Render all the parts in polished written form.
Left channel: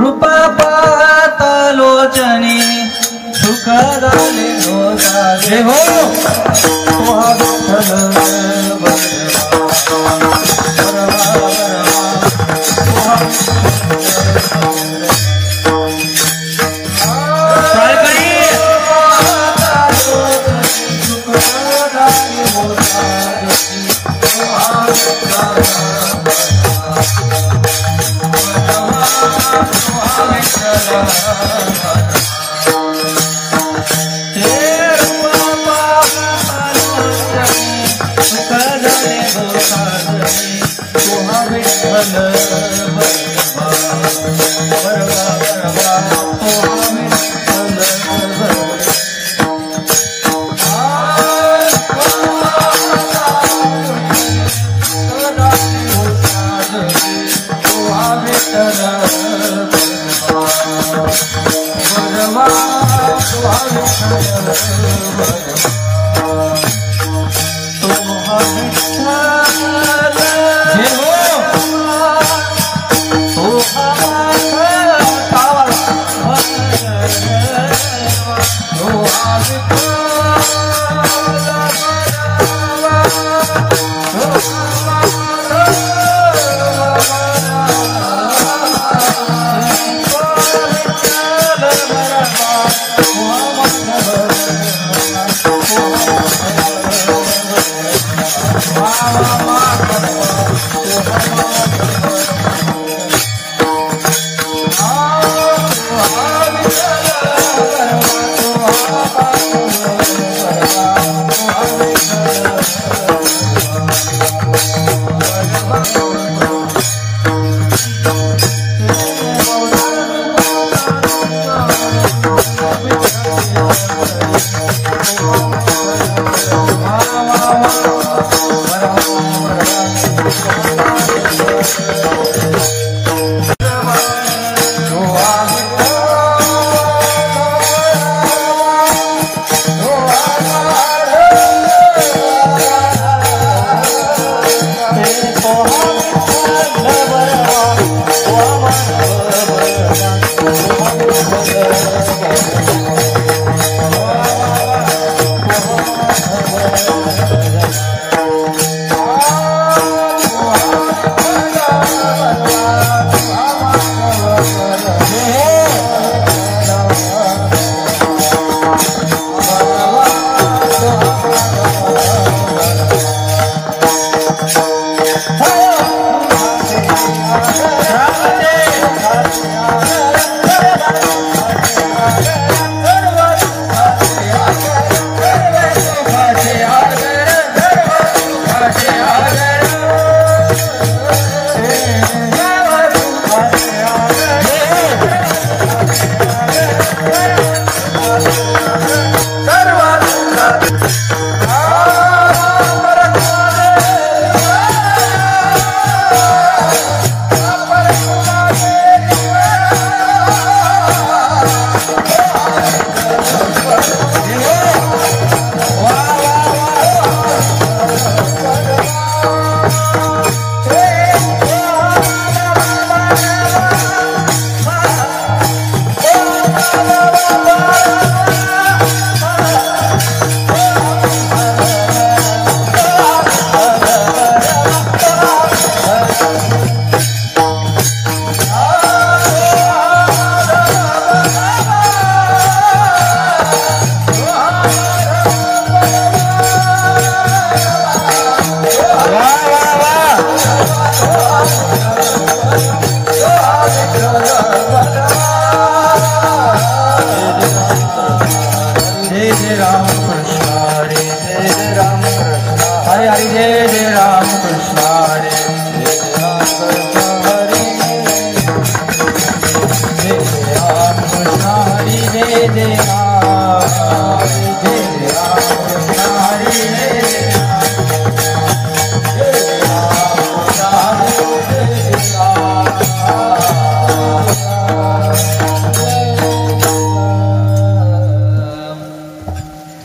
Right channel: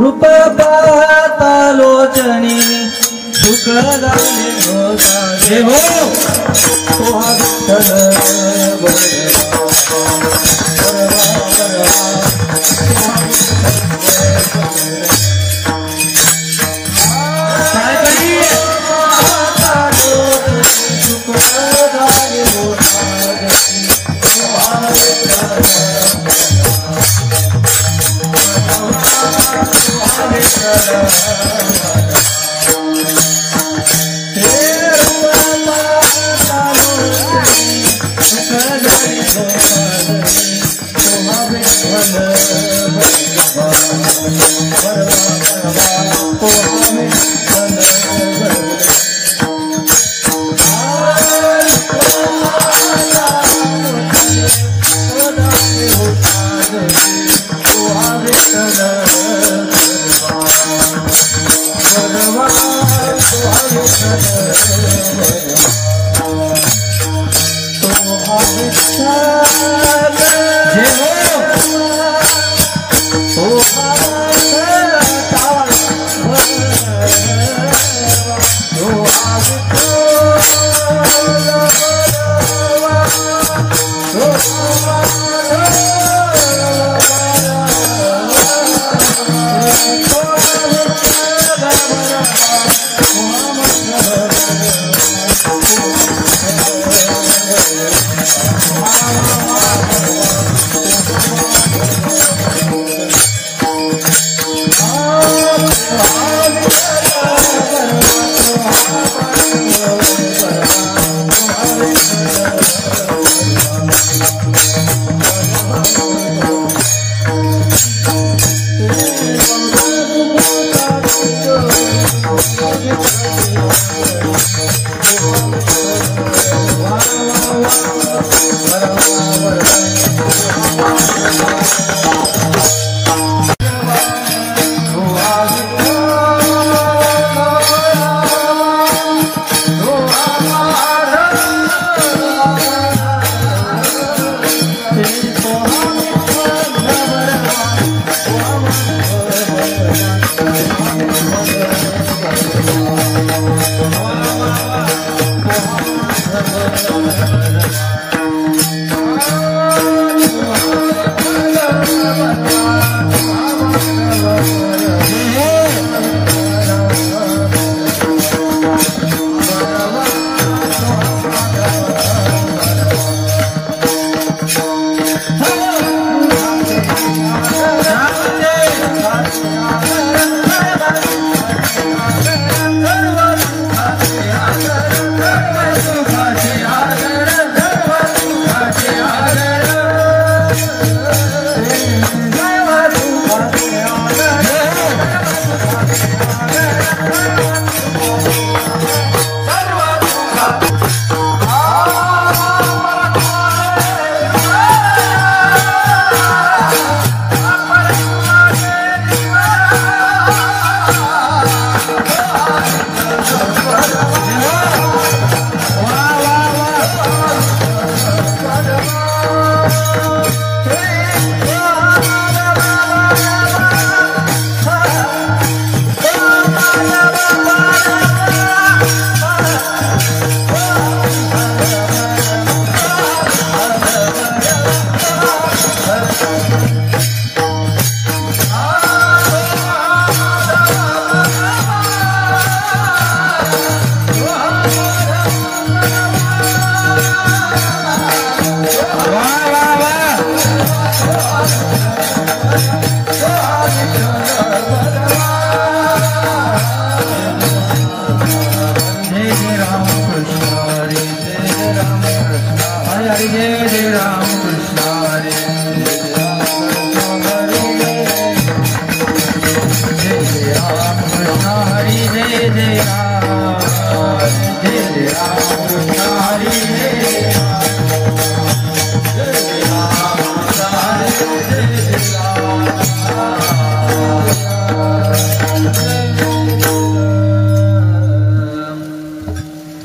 रूप पातालोचनी सुखदाने होता हो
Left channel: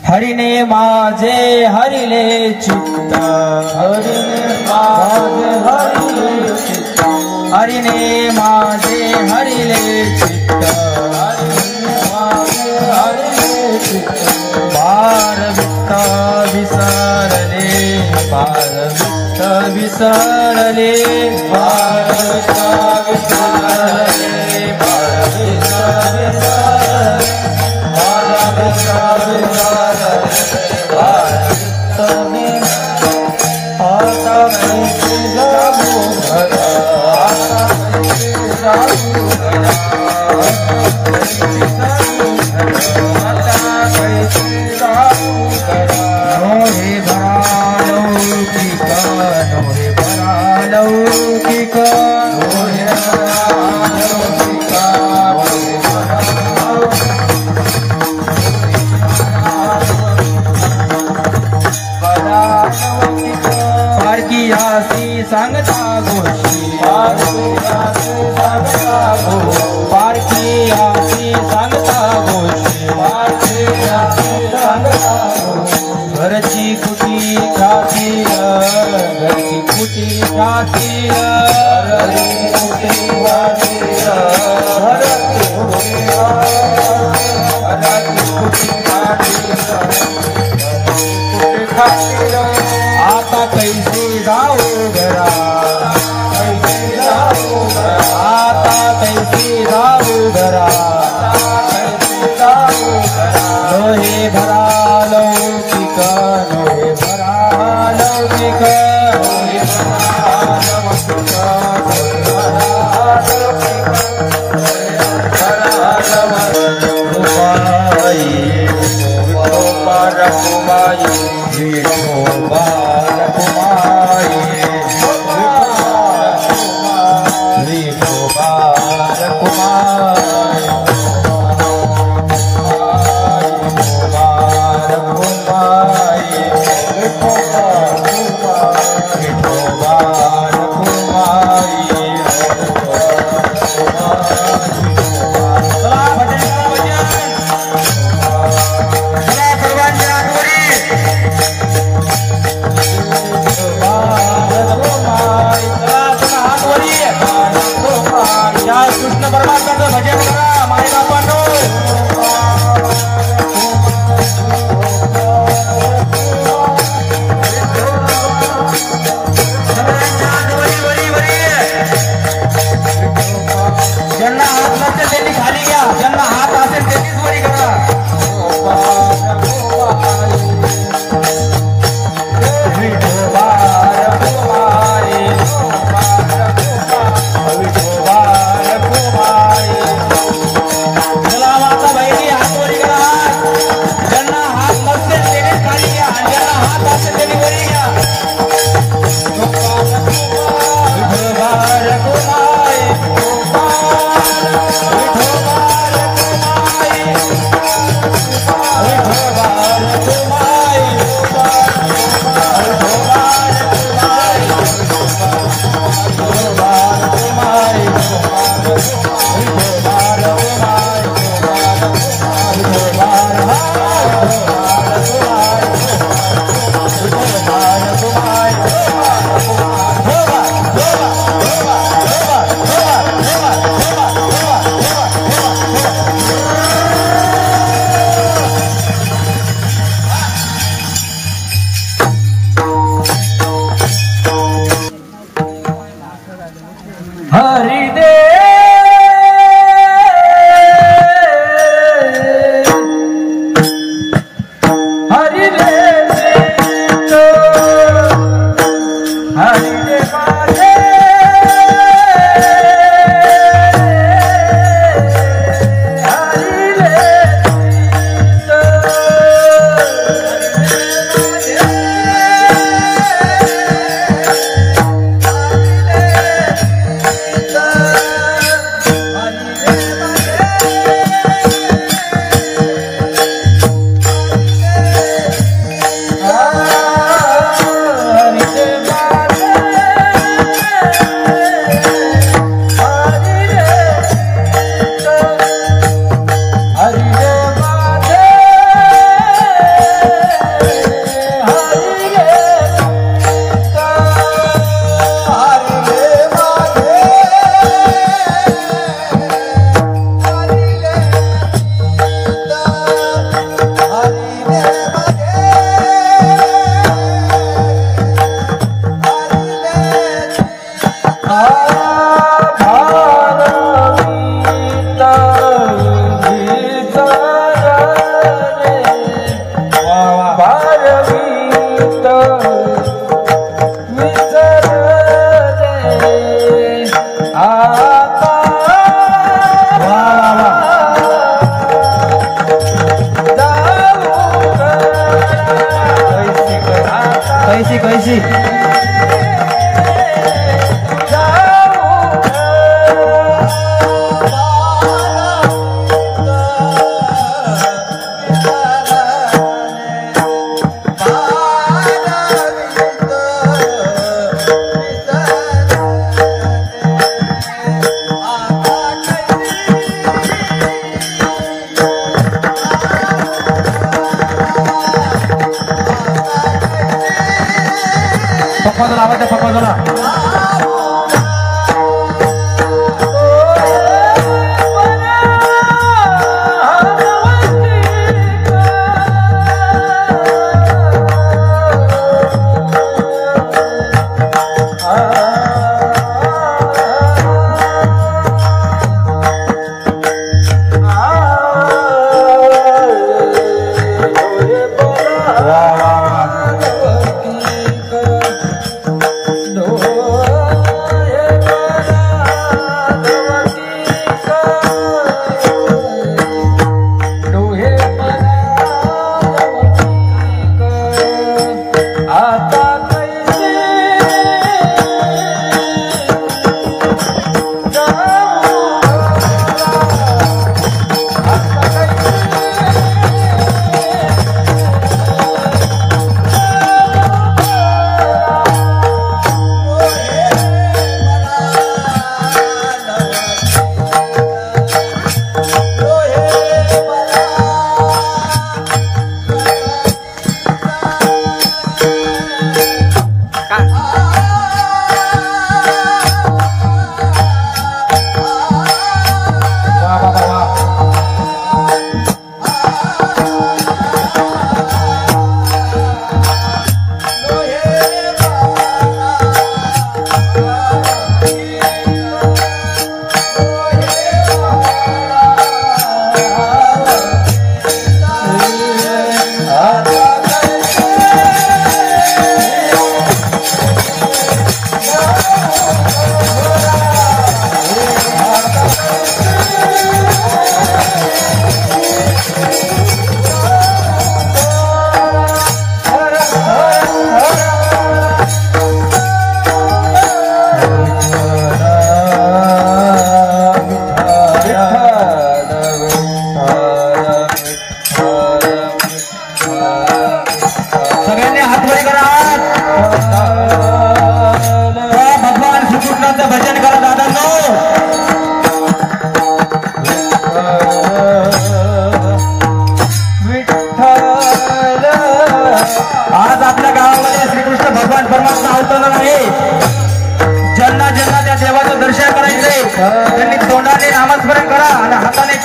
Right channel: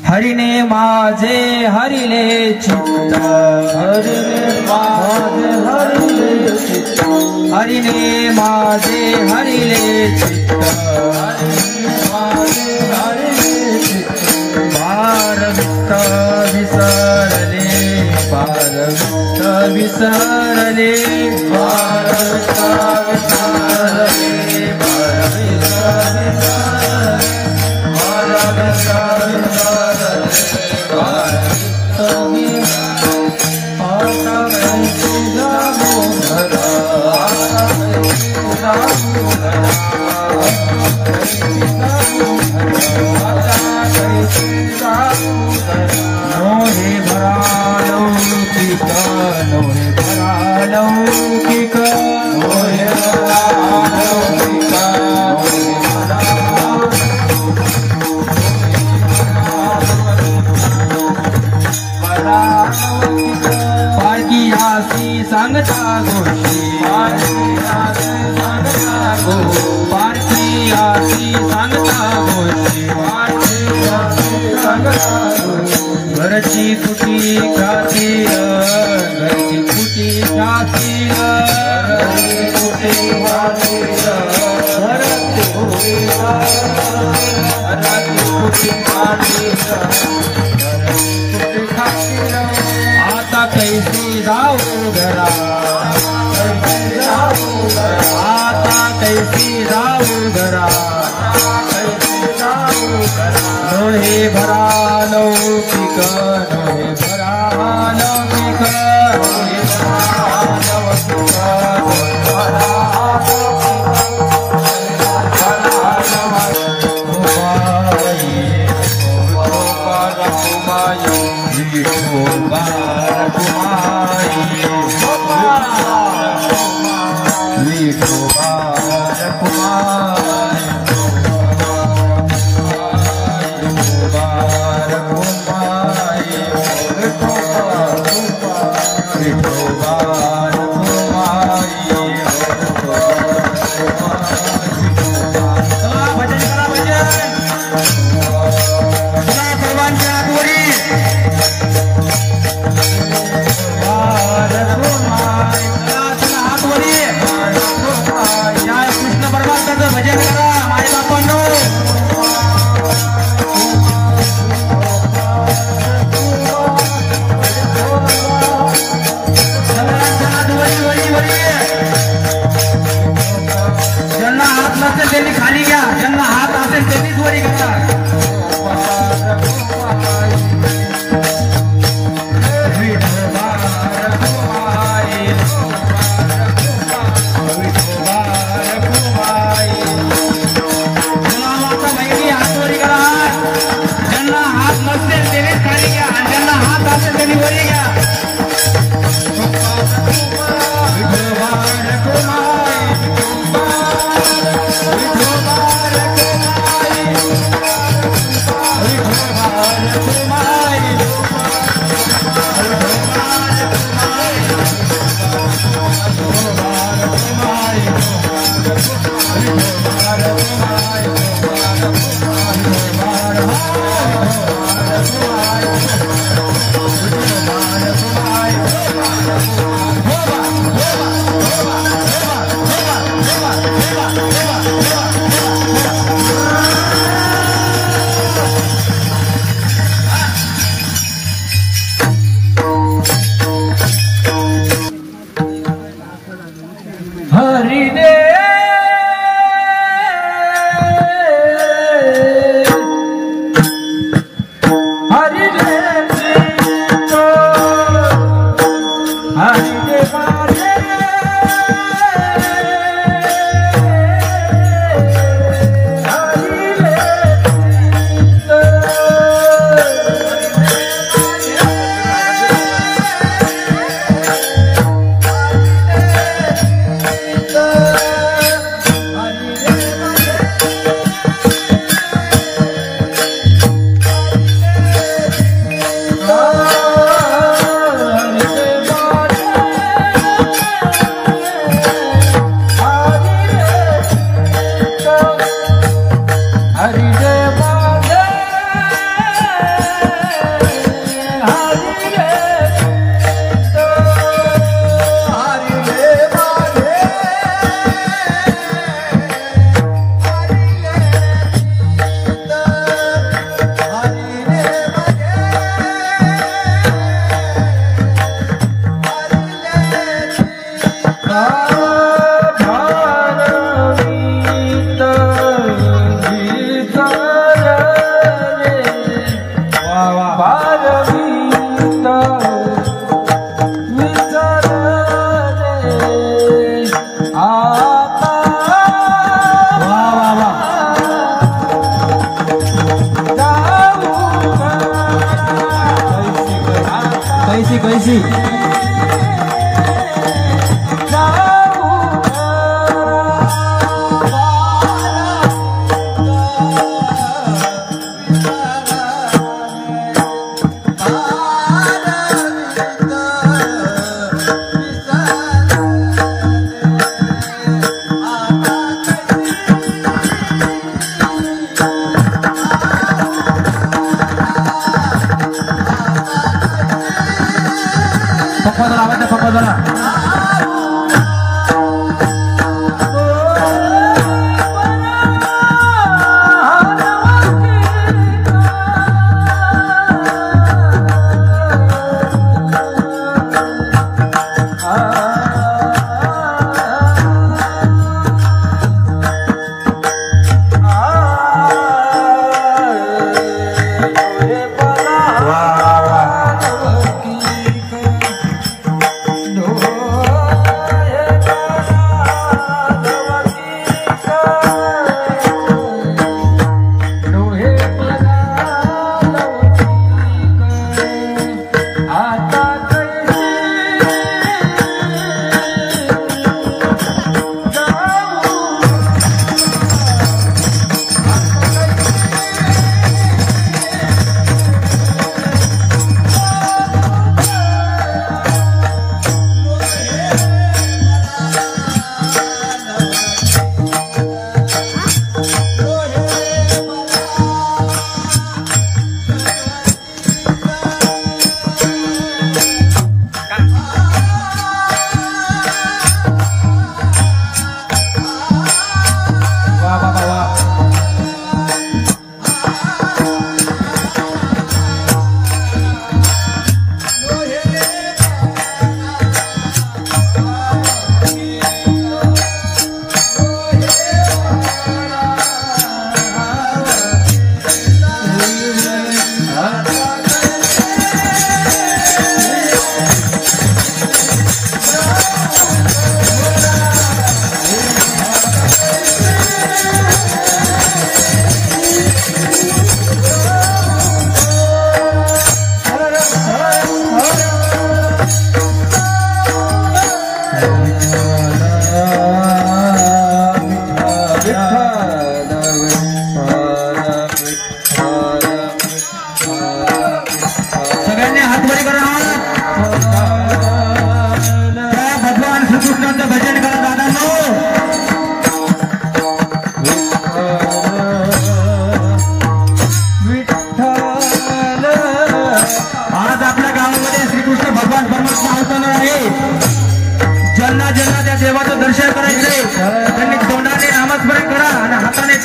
हरिने माझे हरिले चित्त, हरिने माझे हरिले चित्त, पारमित विसरले, पारमित विसरले, पारमित विसरले, पारमित सांगता गोष्टी, पारखी आसी सांगता गोष्टी, घरची कुटी खातीर, घरची कुटी खातीर, आता कैसी जाऊ घरा, आता कैसी जाऊ घरा, लोहे भरा लौकिक, लोहे भरा लौकिक,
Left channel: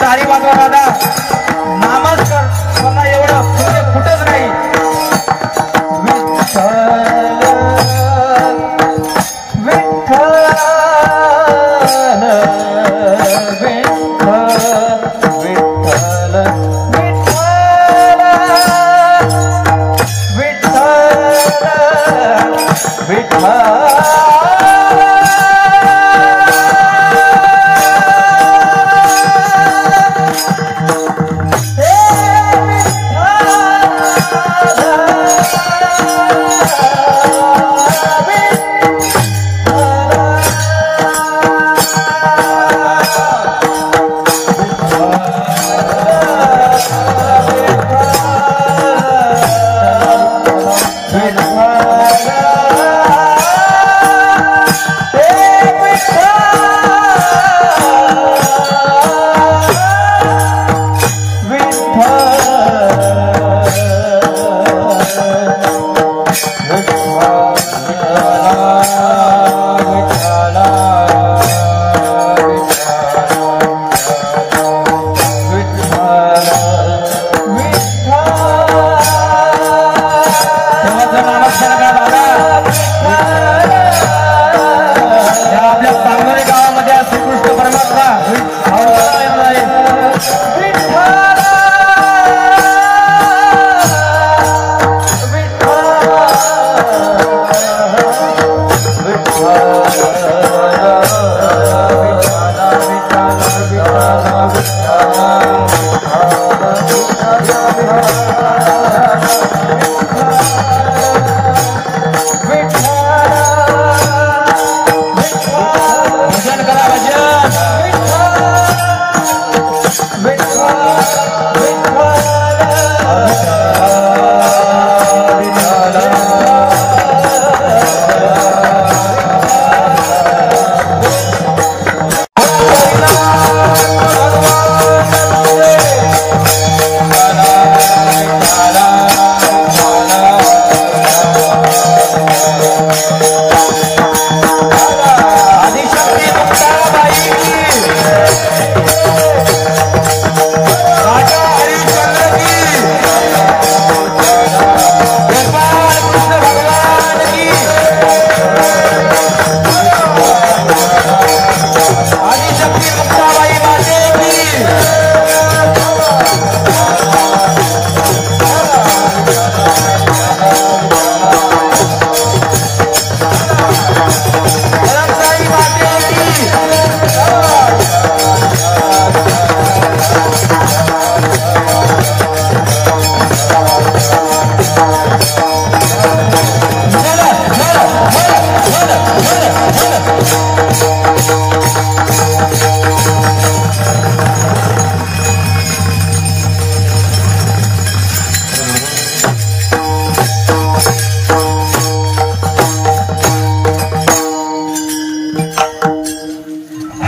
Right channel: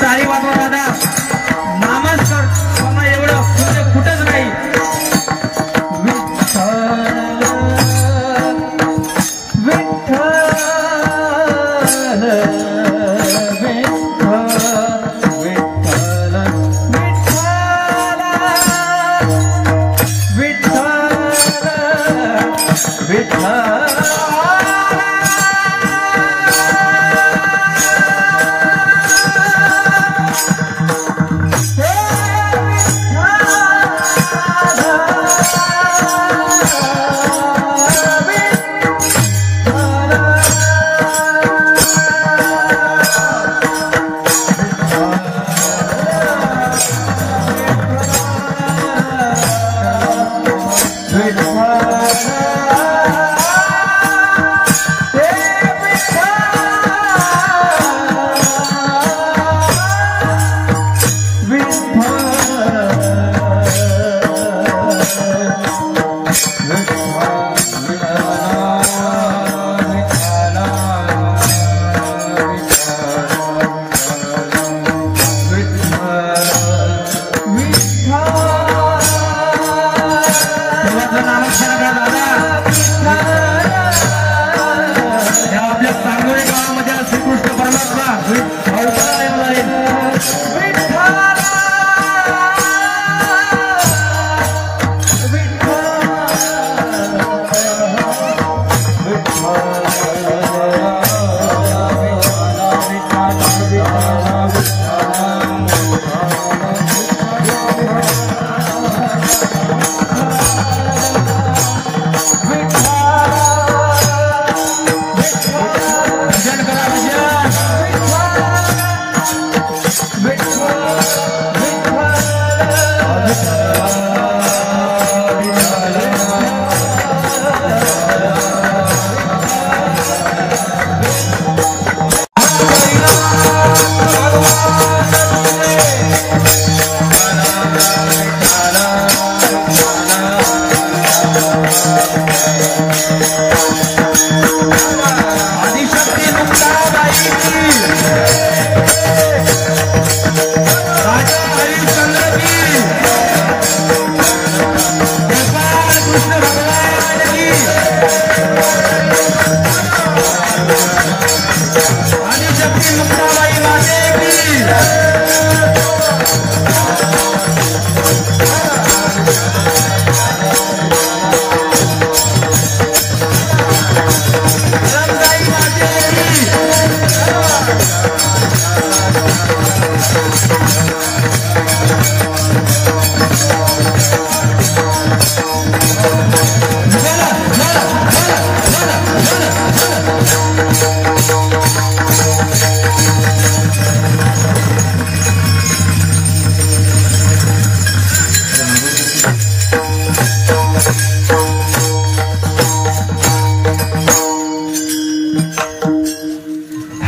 टाळी वाजवा दादा. नामस्कार मला एवढं कुठंच नाही. विठ्ठल विठ्ठल परमात्मा अवतार येणार आहे.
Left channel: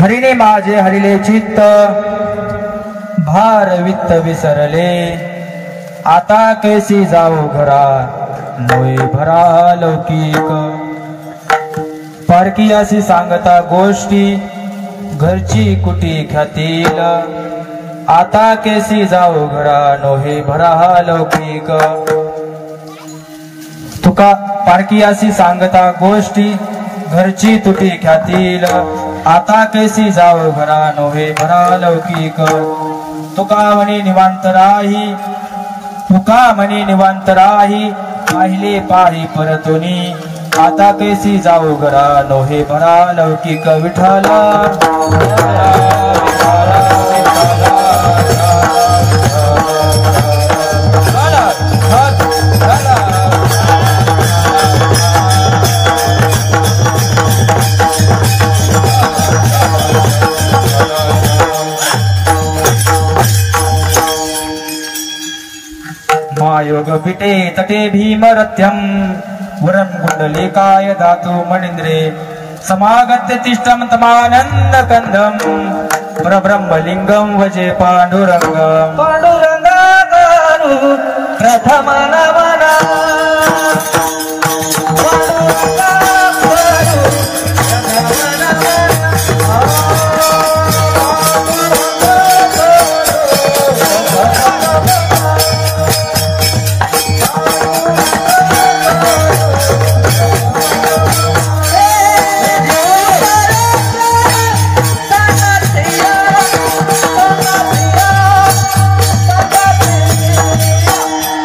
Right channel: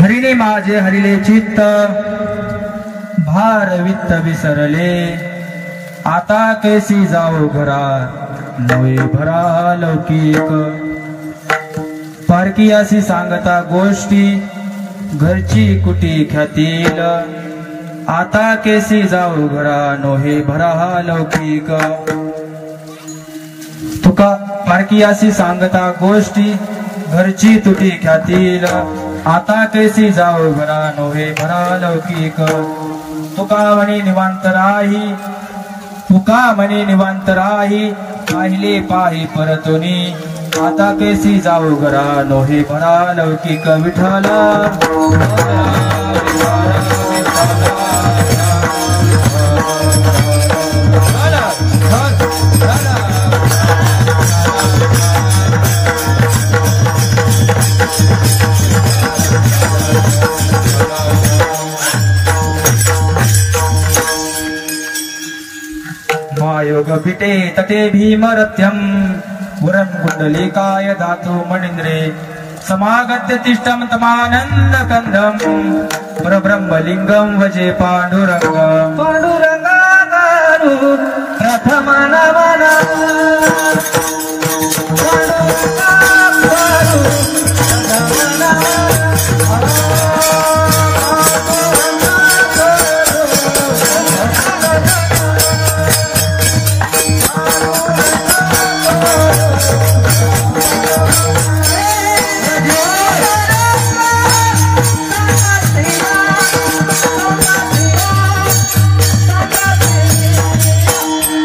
हरिने माझे हरिले चित्त भार वित्त विसरले आता कैसी जाऊ घरा नवी भरा लौकिक पारकीयासी सांगता गोष्टी घरची कुटी ख्यातील आता कैसी जाऊ घरा नोही भरा लौकिक तुका पारकीयासी सांगता गोष्टी घरची तुटी ख्यातील आता कैसी जाऊ घरा नोहे भरा लौकिक तुका म्हणे निवांत राही पाहिले पाही परतुनी आता कैसी जाऊ घरा नोहे भरा लौकिक विठ्ठल मायोग पिते तटे भीमरथ्यम वरं कुंडलिकाय धातु मणीन्द्रे समागत्य तिष्ठं तमानंद कंदम परब्रह्मलिंगम वजे पांडुरंगम पांडुरंगारू प्रथम नमन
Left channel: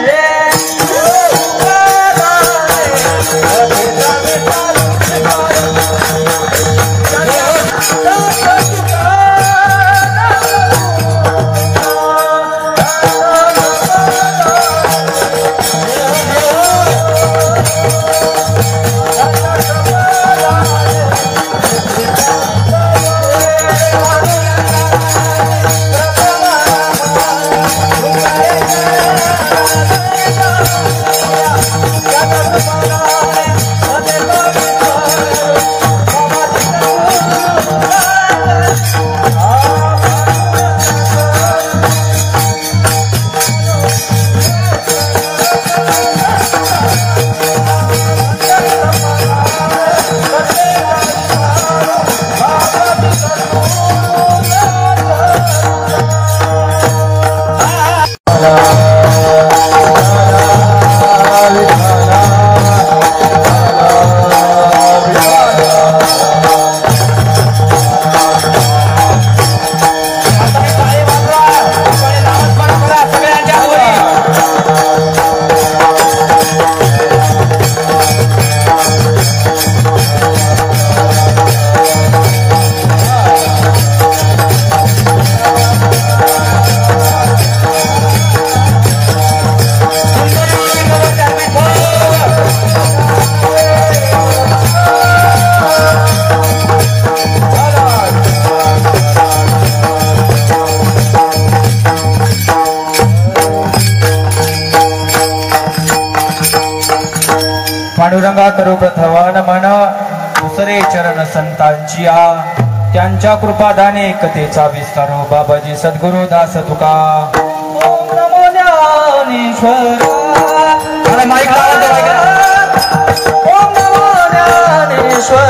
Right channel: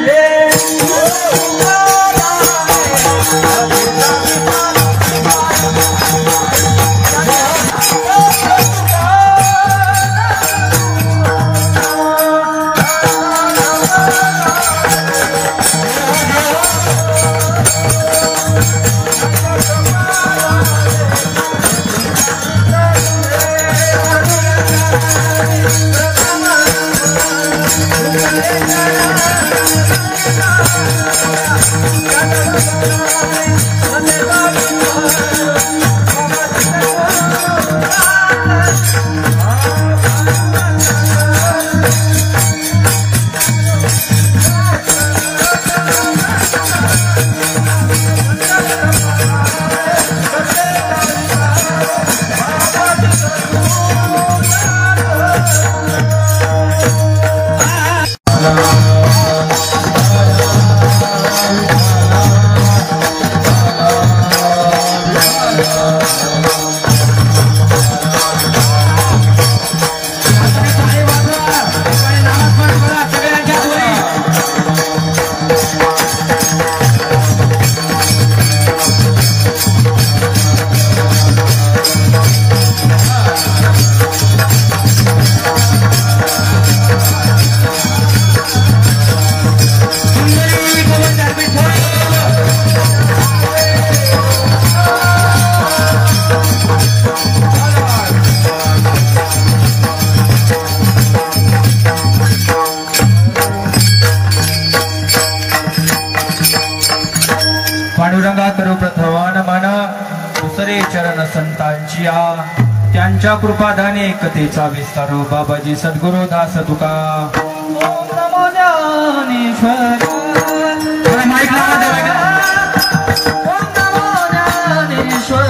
Yeah. चरण संतांची त्यांच्या कृपादाने कथेचा विस्तार बाबाजी सद्गुरु दास तुका ज्ञानेश्वर माईक ओम नमो ज्ञानेश्वर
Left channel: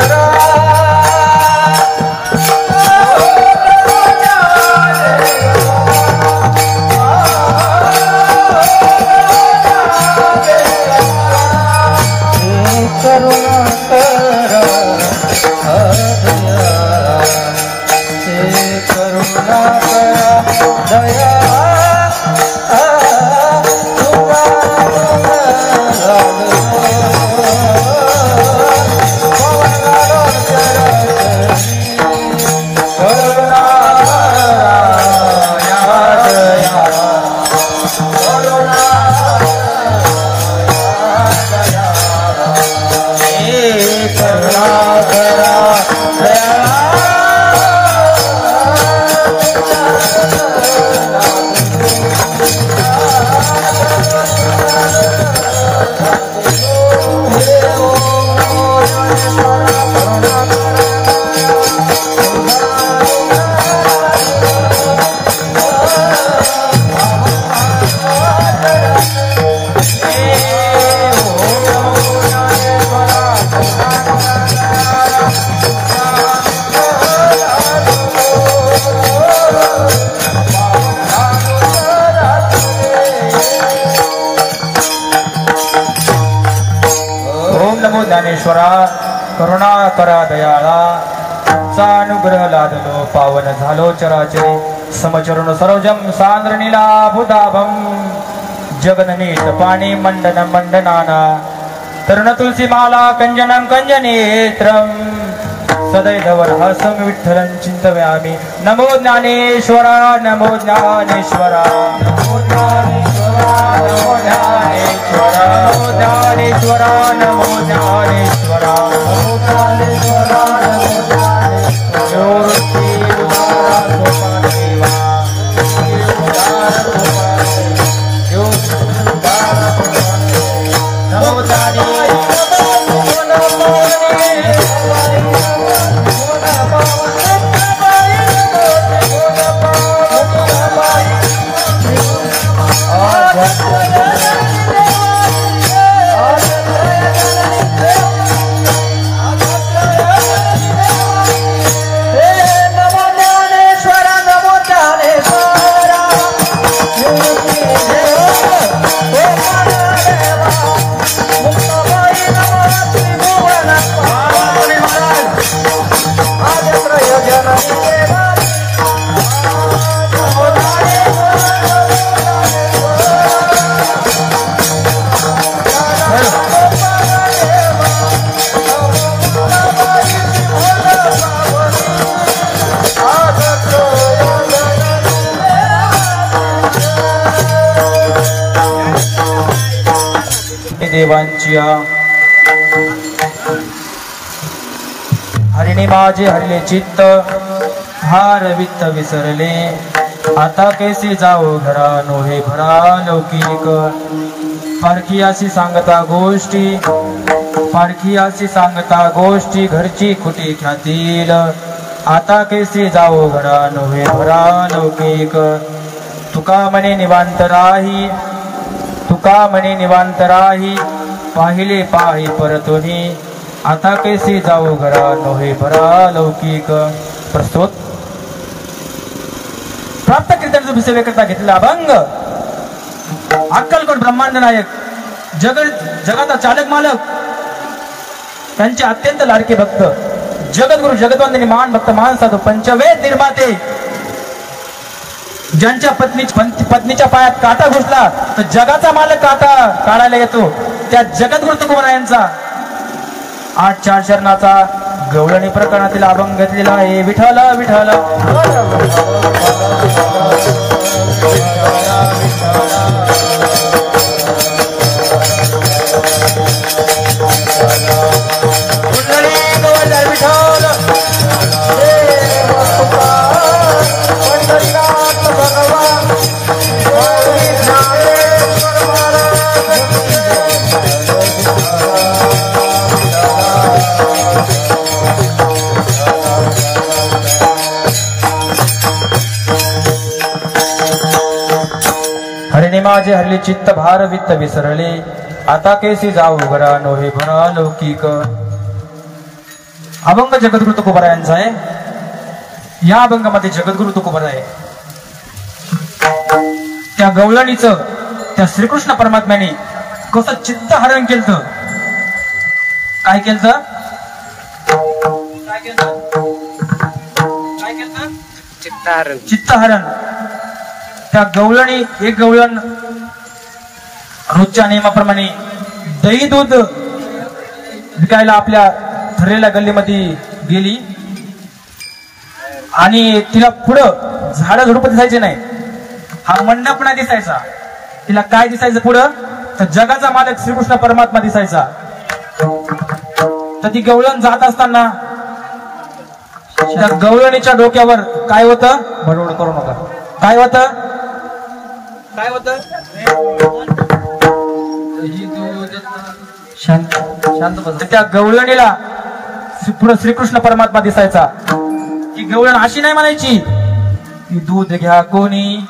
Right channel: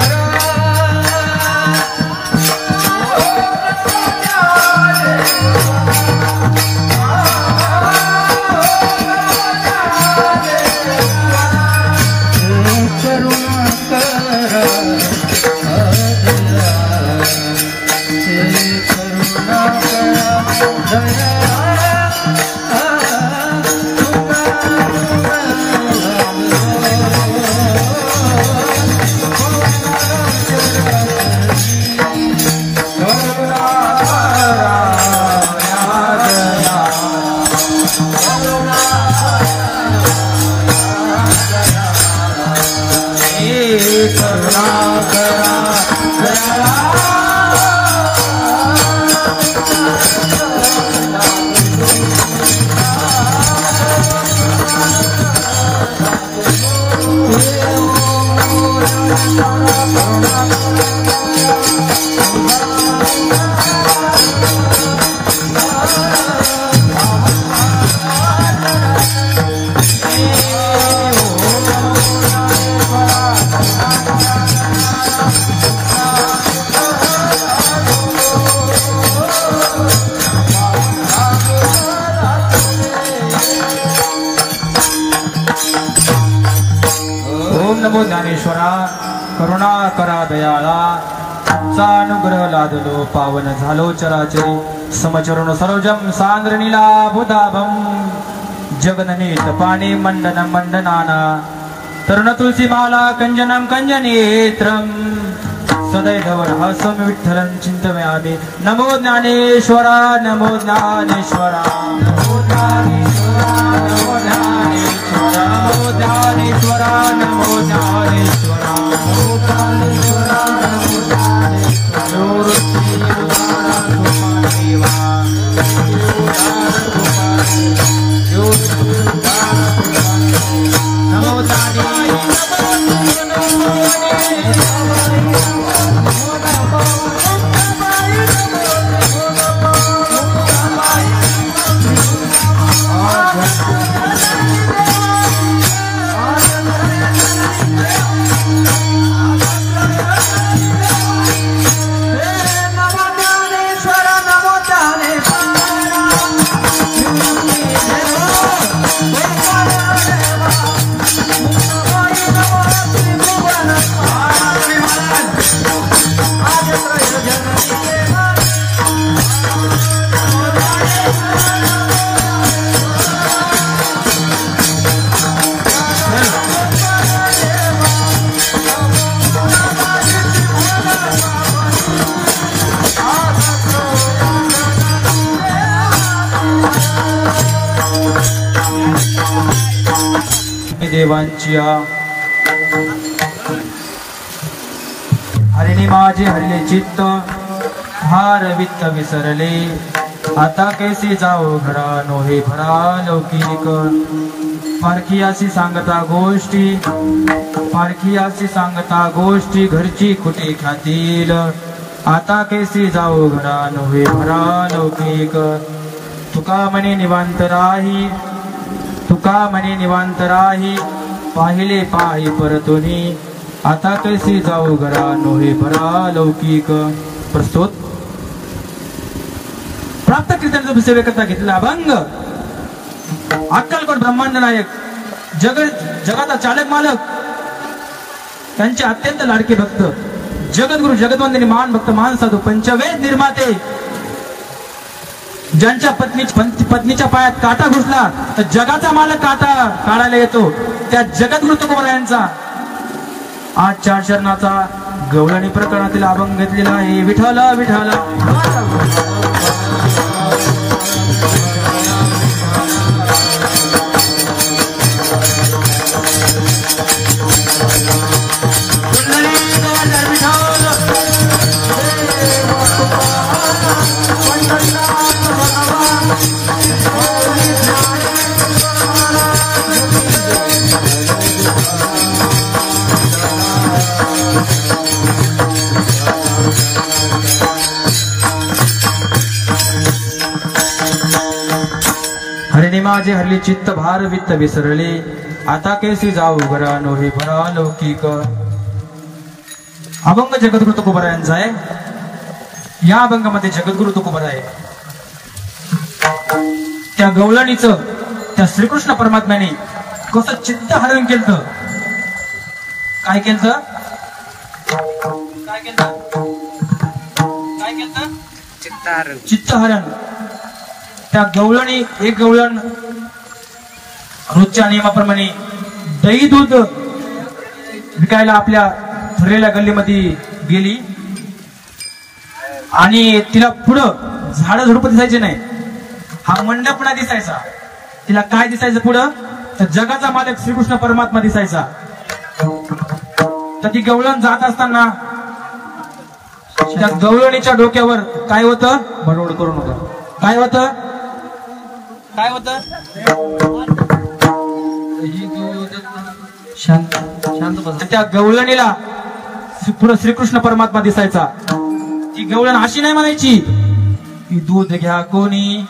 ज्ञानेश्वरा करुणा करा दयाळा तुमचा अनुग्रह लादलो पावन झालो चराचरी समचरण सरोजम सांद्रणीला बुधाभम जगननीत पाणी मंडन मंडनाना तरुण तुलसी माला कंजनम कंजनेत्रम सदैधवर हसम विठ्ठलं चिंतयामि नमो ज्ञानेश्वरा नमो ज्ञानेश्वरा नमो ज्ञानेश्वरा नमो ज्ञानेश्वरा नमो ज्ञानेश्वरा नमो ज्ञानेश्वरा नमो ज्ञानेश्वरा नमो ज्ञानेश्वरा ज्योति उदारा गोपाल देवा उदारा गोपाल ज्योति उदारा गोपाल नमो ज्ञानेश्वरा नमो देवांची हरिणी माझे हरिले चित्त हार वित्त विसरले आता कैसे जाऊ घरा नोहे भरा लौकिक पारखियासी सांगता गोष्टी घरची खुटी ख्यातील आता कैसे जाऊ घरा नोहे भरा लौकिक तुका मने निवांत राही पाहिले पाही परतुनी आता कैसे जाऊ घरा नोहे भरा लौकिक प्रस्तुत प्राप्त कीर्तन सेवेकरता घेतलेला अभंग अक्कलकोट ब्रह्मांड नायक जगाचा चालक मालक त्यांचे अत्यंत लाडके भक्त जगद्गुरु जगद्वंदनी महान भक्त महान साधू पंचवेद निर्माते ज्यांच्या पत्नीच्या पायात काटा घुसला तर जगाचा मालक काटा काढायला येतो त्या जगद्गुरु तुकोबा यांचा 8 चरणाचा गवळणी प्रकरणातील अभंग घेतलेला आहे विठ्ठल विठ्ठल हरिणी माझे हरले चित्त भार वित्त विसरले, आता कैसी जाऊ घरा नोहे भरा लौकिक. अभंग जगद्गुरु तुकोबारायांचा आहे. या अभंगामध्ये जगद्गुरु तुकोबाराय त्या गवळणीचं त्या श्रीकृष्ण परमात्म्याने कसं चित्त हरण केलं. काय केलं? काय केलं? काय केलं? चित्तहरण. त्या गवळणी एक गवळण रोजच्या नियमाप्रमाणे दही दूध विकायला आपल्या ठरलेल्या गल्लीमध्ये गेली आणि तिला पुढं झाडं झुडपं दिसायचे नाही, हा मंडप नाही दिसायचा. तिला काय दिसायचं पुढं? तर जगाचा मालक श्रीकृष्ण परमात्मा दिसायचा. तर ती गवळण जात असताना त्या गवळणीच्या डोक्यावर काय होतं? बडबड करू नका. काय होतं? काय होतं? शांत शांत बस. त्या गवळणीला पुढे श्रीकृष्ण परमात्मा दिसायचा. ती गवळण अशी नाही म्हणायची की दूध घ्या कोणी,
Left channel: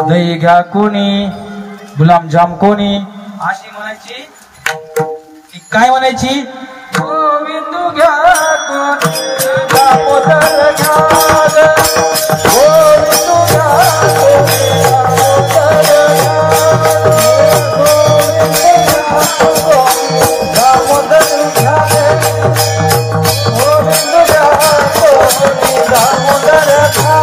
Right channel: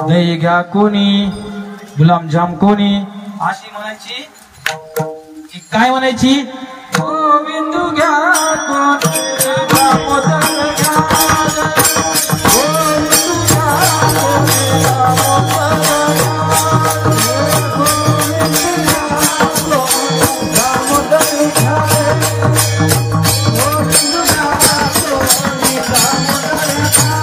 दही घ्या कोणी, गुलाबजाम कोणी, अशी म्हणायची. ती काय म्हणायची? गोविंद घ्या कोणी, दामोदर घ्या, गोविंद घ्या कोणी, दामोदर घ्या, गोविंद घ्या कोणी, दामोदर घ्या.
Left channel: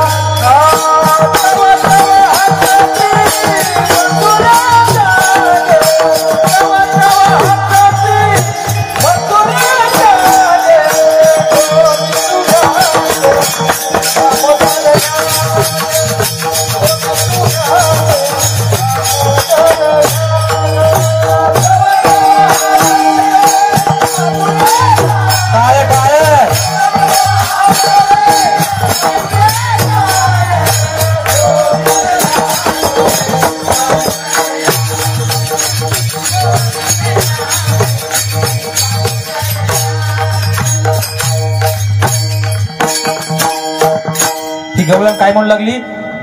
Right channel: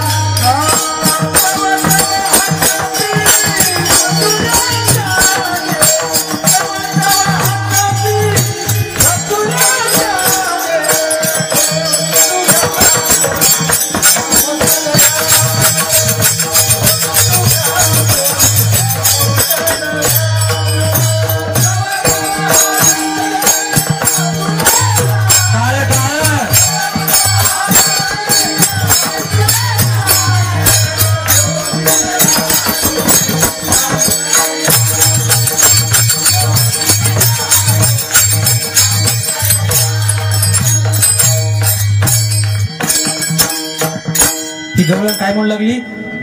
काय म्हणू लागली?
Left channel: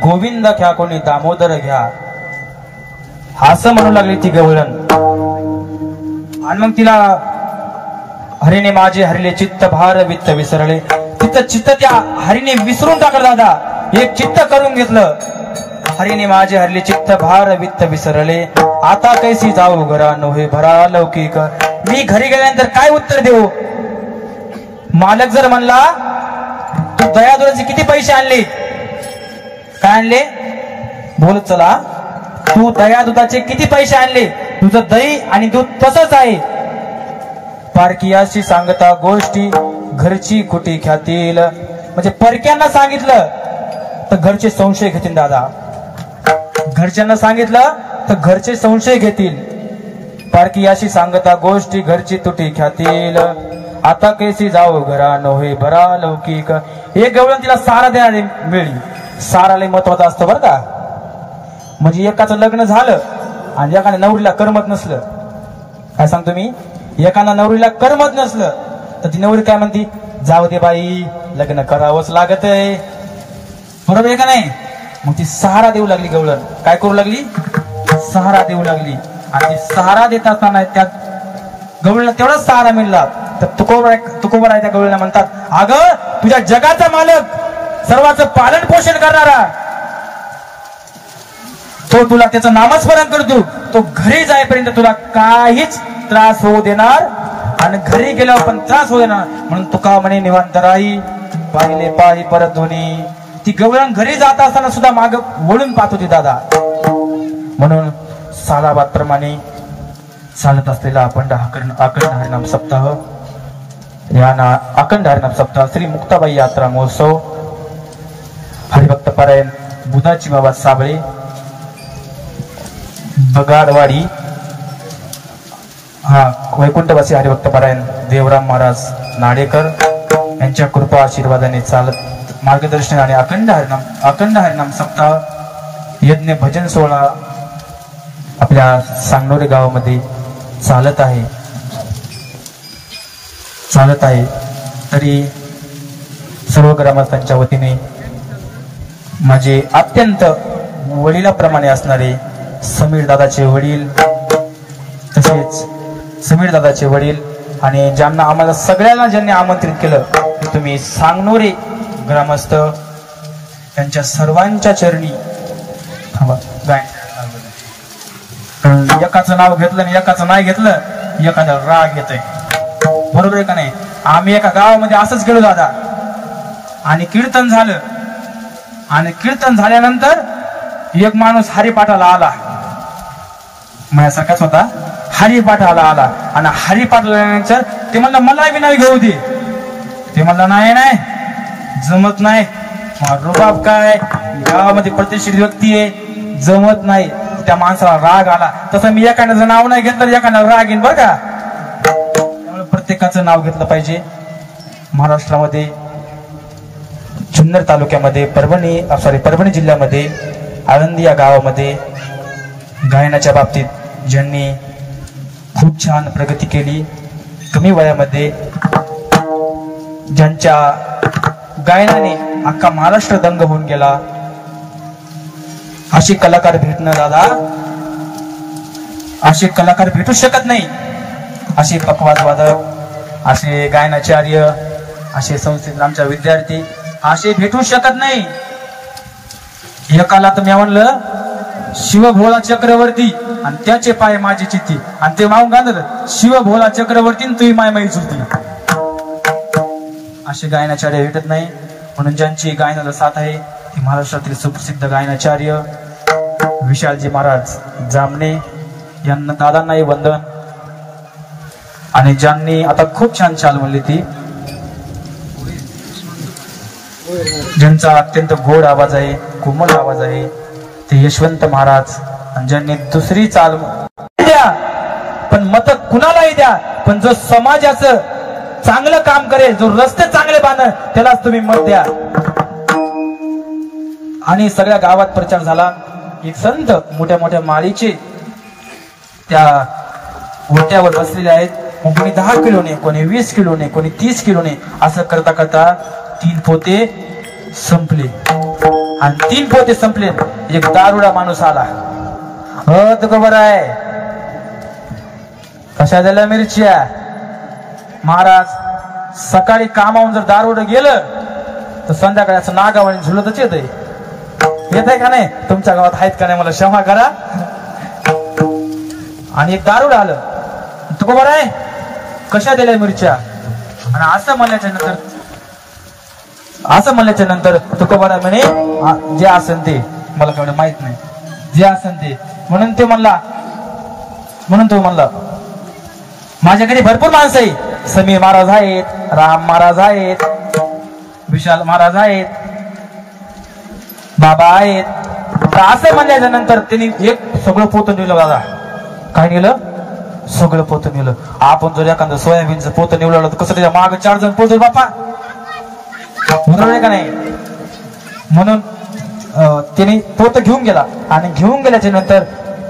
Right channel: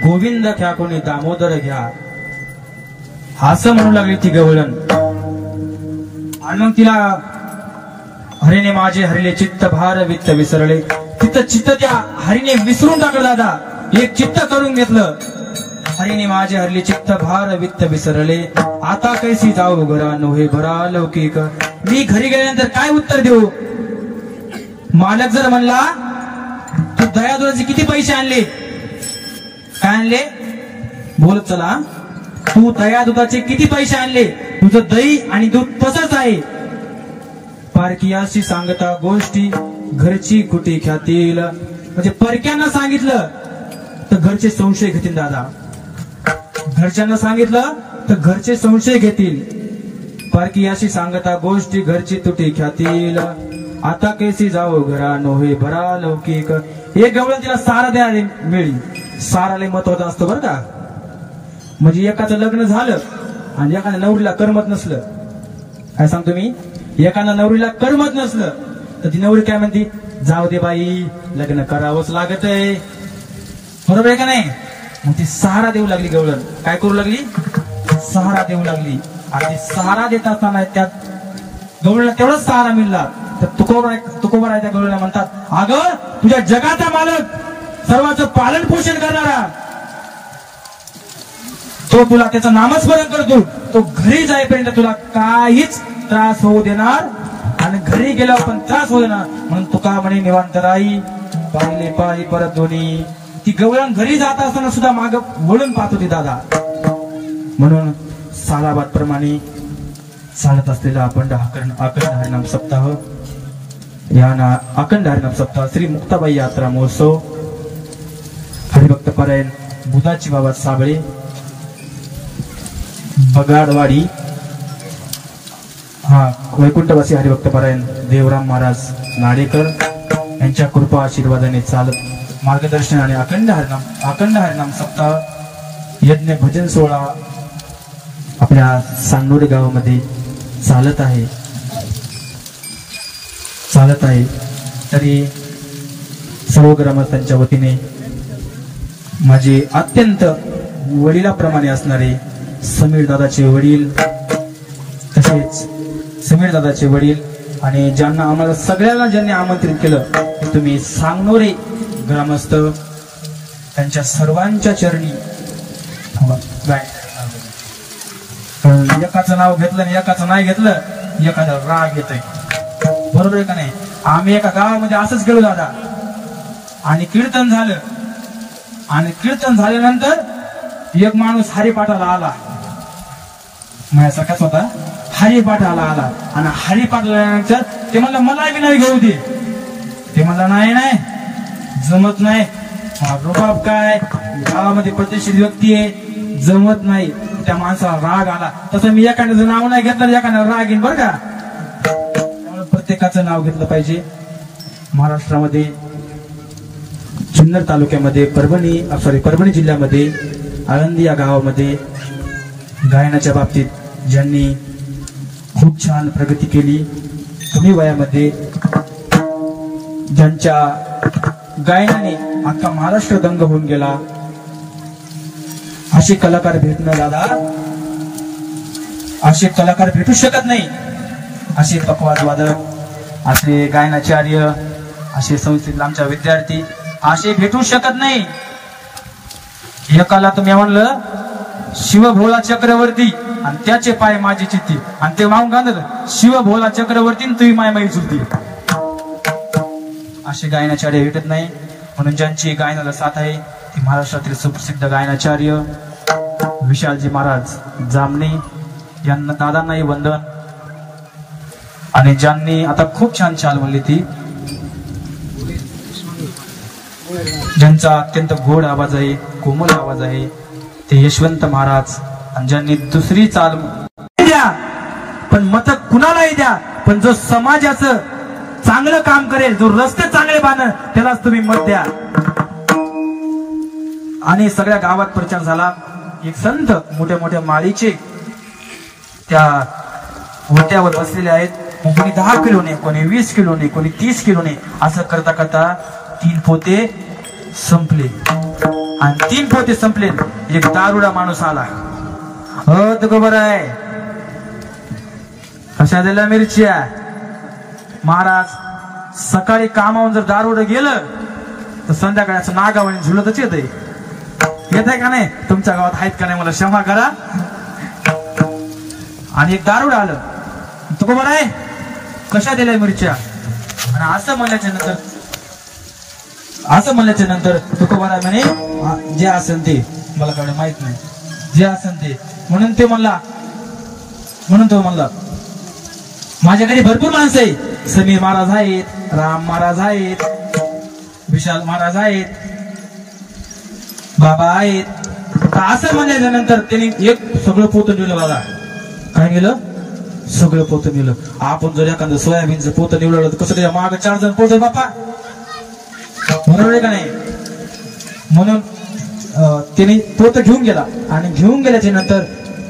गोविंद घ्या कोणी, दामोदर घ्या, असं म्हणू लागली ती गवळण. आणि मग तिला हरिने माझे हरिले चित्त भार वित्त विसरले. तिथं चित्त त्या हरिने विसरून टाकलं. दादा एक चित्त करून घेतलं. हरिने माझे हरिले चित्त भार वित्त विसरले, आता कैसी जाऊ घरा नोहे भरा लौकिक. मी घरी गेल्यानंतर काय उत्तर देऊ? मालक जर म्हणला तू दयादुराचे किती पैसे आणले? काय आणले? बोल चला. तू दया दुधाचे किती पैसे आणले? तुझं दही आणि दूध तसंच आहे. पारखियाशी सांगता गोष्टी घरची कुटी ख्यातील. म्हणजे परक्यांना सांगितलं तर घरचे संशय घेतील. दादा घरच्यांना सांगितलं तर घरचे संशय घेतील. पारखियाशी सांगता गोष्टी घरची तुटी ख्यातील, आता कैसी जाऊ घरा नोहे भरा लौकिक. एक गवळण तिला सारा द्यायला मिळली. साराला महत्वाचं असतं बरं का. म्हणजे एकाचं लग्न झालं आणि एकाने नवरीला करमत नसलं. काय सांगतो मी? एकाला नवरीला करमत नसलं तर ती नवरी काय म्हणती? जाऊ दे बाई, लग्न करावंच लागत आहे. बरोबर आहे का नाही? मग ती सहारा देऊ लागली गवळण. काय करू लागली? सहारा देऊ लागली. आणि सहारा देत असताना त्या गवळीला तेवढाच सहारा मिळला. तर तुकोबाराय गवळीला म्हणतात, अगं तुझ्या जगाचा मालक, सर्वांचं पालन पोषण करणारा तो तुला त्याचं नामस्मरण करतो. तो घरी जाईपर्यंत तुला काहीच त्रास होऊ देणार आणि घरी गेल्यावर पण त्रास होऊ देणार. म्हणून तुका म्हणे निवांत राही, पाहिले पायी परत दोन्ही. ती गवळण घरी जात असताना सुद्धा माग वळून पाहत होती दादा. म्हणून सालाबाद प्रमाणे चालत असलेला अखंड हरिनाम सप्ताह, या अखंड हरिनाम सप्ताह श्री मुक्ताबाई यात्रा महोत्सव हरिभक्त पारायण बुधाची बाबा साबळे बगाडवाडी, हा वैकुंठवासी हरिभक्त पारायण देवराम महाराज नाडेकर यांच्या कृपा आशीर्वादाने चालत मार्गदर्शन आणि अखंड हरिनाम सप्ताह यज्ञ भजन सोहळा आपल्या सांगनोरे गावामध्ये चालत आहे. तरी सर्व ग्रामस्थांच्या वतीने माझे अत्यंत वडिलाप्रमाणे असणारे समीर दादाचे वडील, तसेच समीर दादाचे वडील आणि ज्यांना आम्हाला सगळ्यांना ज्यांनी आमंत्रित केलं तुम्ही सांगनोरे ग्रामस्थ, त्यांच्या सर्वांच्या चरणी एकाचं नाव घेतलं आणि एकाचं नाही घेतलं एखादा राग येतोय, बरोबर आहे का नाही? आम्ही एका गावामध्ये असंच गेलो दादा आणि कीर्तन झालं आणि कीर्तन झाल्यानंतर एक माणूस हरिपाठाला आला, माझ्यासारखाच होता, हरिपाठाला आला आणि हरिपाठाला ते म्हणलं मला बी नाही घेऊ दे, ते म्हणलं नाही जमत नाही, रुबाब काय, गावामध्ये प्रतिष्ठित व्यक्ती आहे, जमत नाही. त्या माणसाला राग आला. तसं मी एखाद्याचं नाव नाही घेतलं एखाद्याला राग येईल बरं का. त्यामुळे प्रत्येकाचं नाव घेतलं पाहिजे. महाराष्ट्रामध्ये जुन्नर तालुक्यामध्ये परभणी जिल्ह्यामध्ये आळंदी या गावामध्ये गायनाच्या बाबतीत ज्यांनी खूप छान प्रगती केली, कमी वयामध्ये ज्यांच्या गायनाने अख्खा महाराष्ट्र दंग होऊन गेला, असे कलाकार भेटणं दादा, असे कलाकार भेटू शकत नाही. असे पखवाज वादक, असे गायनाचार्य, असे संस्थेतील आमच्या विद्यार्थी असे भेटू शकत नाही. एकाला तुम्ही म्हणलं शिवभोला चक्रवर्ती आणि त्याचे पाय माझी चित्ती आणि ते मागून गाणं शिवभोला चक्रवर्ती तुम्ही माय माई चुलती. असे गायनाचार्य भेटत नाही. म्हणून ज्यांची गायनाला साथ आहे ती महाराष्ट्रातील सुप्रसिद्ध गायनाचार्य विशालजी महाराज जामणे यांना दादांनाही वंदन. आणि ज्यांनी आता खूप छान चाल म्हणली ती, ज्यांचा अत्यंत गोड आवाज आहे, कोमल आवाज आहे, ते यशवंत महाराज. आणि ज्यांनी दुसरी चाल द्या पण मत कुणालाही द्या, पण जो समाजाचं चांगलं काम करेल, जो रस्ते चांगले बांधेल त्यालाच तुम्ही मत द्या. आणि सगळ्या गावात प्रचार झाला. एक संत मोठ्या मोठ्या माळीचे त्या ओट्यावर बसलेले आहेत. कोणी 10 किलोने, कोणी 20 किलोने, कोणी 30 किलोने, असं करता करता 3 पोते संपले. आणि 3 पोते संपले. एक दारुडा माणूस आला. तुका बरं आहे, कशा दिल्या मिरच्या? महाराज सकाळी कामावून जर दारुडं गेलं तर संध्याकाळी असं नागावाने झुलतच येत आहे का नाही? तुमच्या गावात आहेत का नाही मला क्षमा करा. आणि एक दारुड आलं, तुका बरं आहे, कशा दिल्या मिरच्या? आणि असं म्हणल्याच्या नंतर तुका बरं म्हणे जे असेल ते, मला काय माहित नाही, जे असेल ते. म्हणून तो म्हणला माझ्या घरी भरपूर माणसं आहे, समीर महाराज आहेत, राम महाराज आहेत, विशाल महाराज आहेत, बाबा आहेत. असं म्हणल्याच्या नंतर त्यांनी एक सगळं पोतं नेलं दादा. काय नेलं? सगळं पोतं नेलं. आपण जर एखादं सोयाबीनचं पोतं निवडलं तर कसं त्याच्या मागे 4 जण पोहोचल बापा, बरोबर आहे का नाही? म्हणून त्यांनी पोतं घेऊन गेला. आणि घेऊन गेल्याच्या नंतर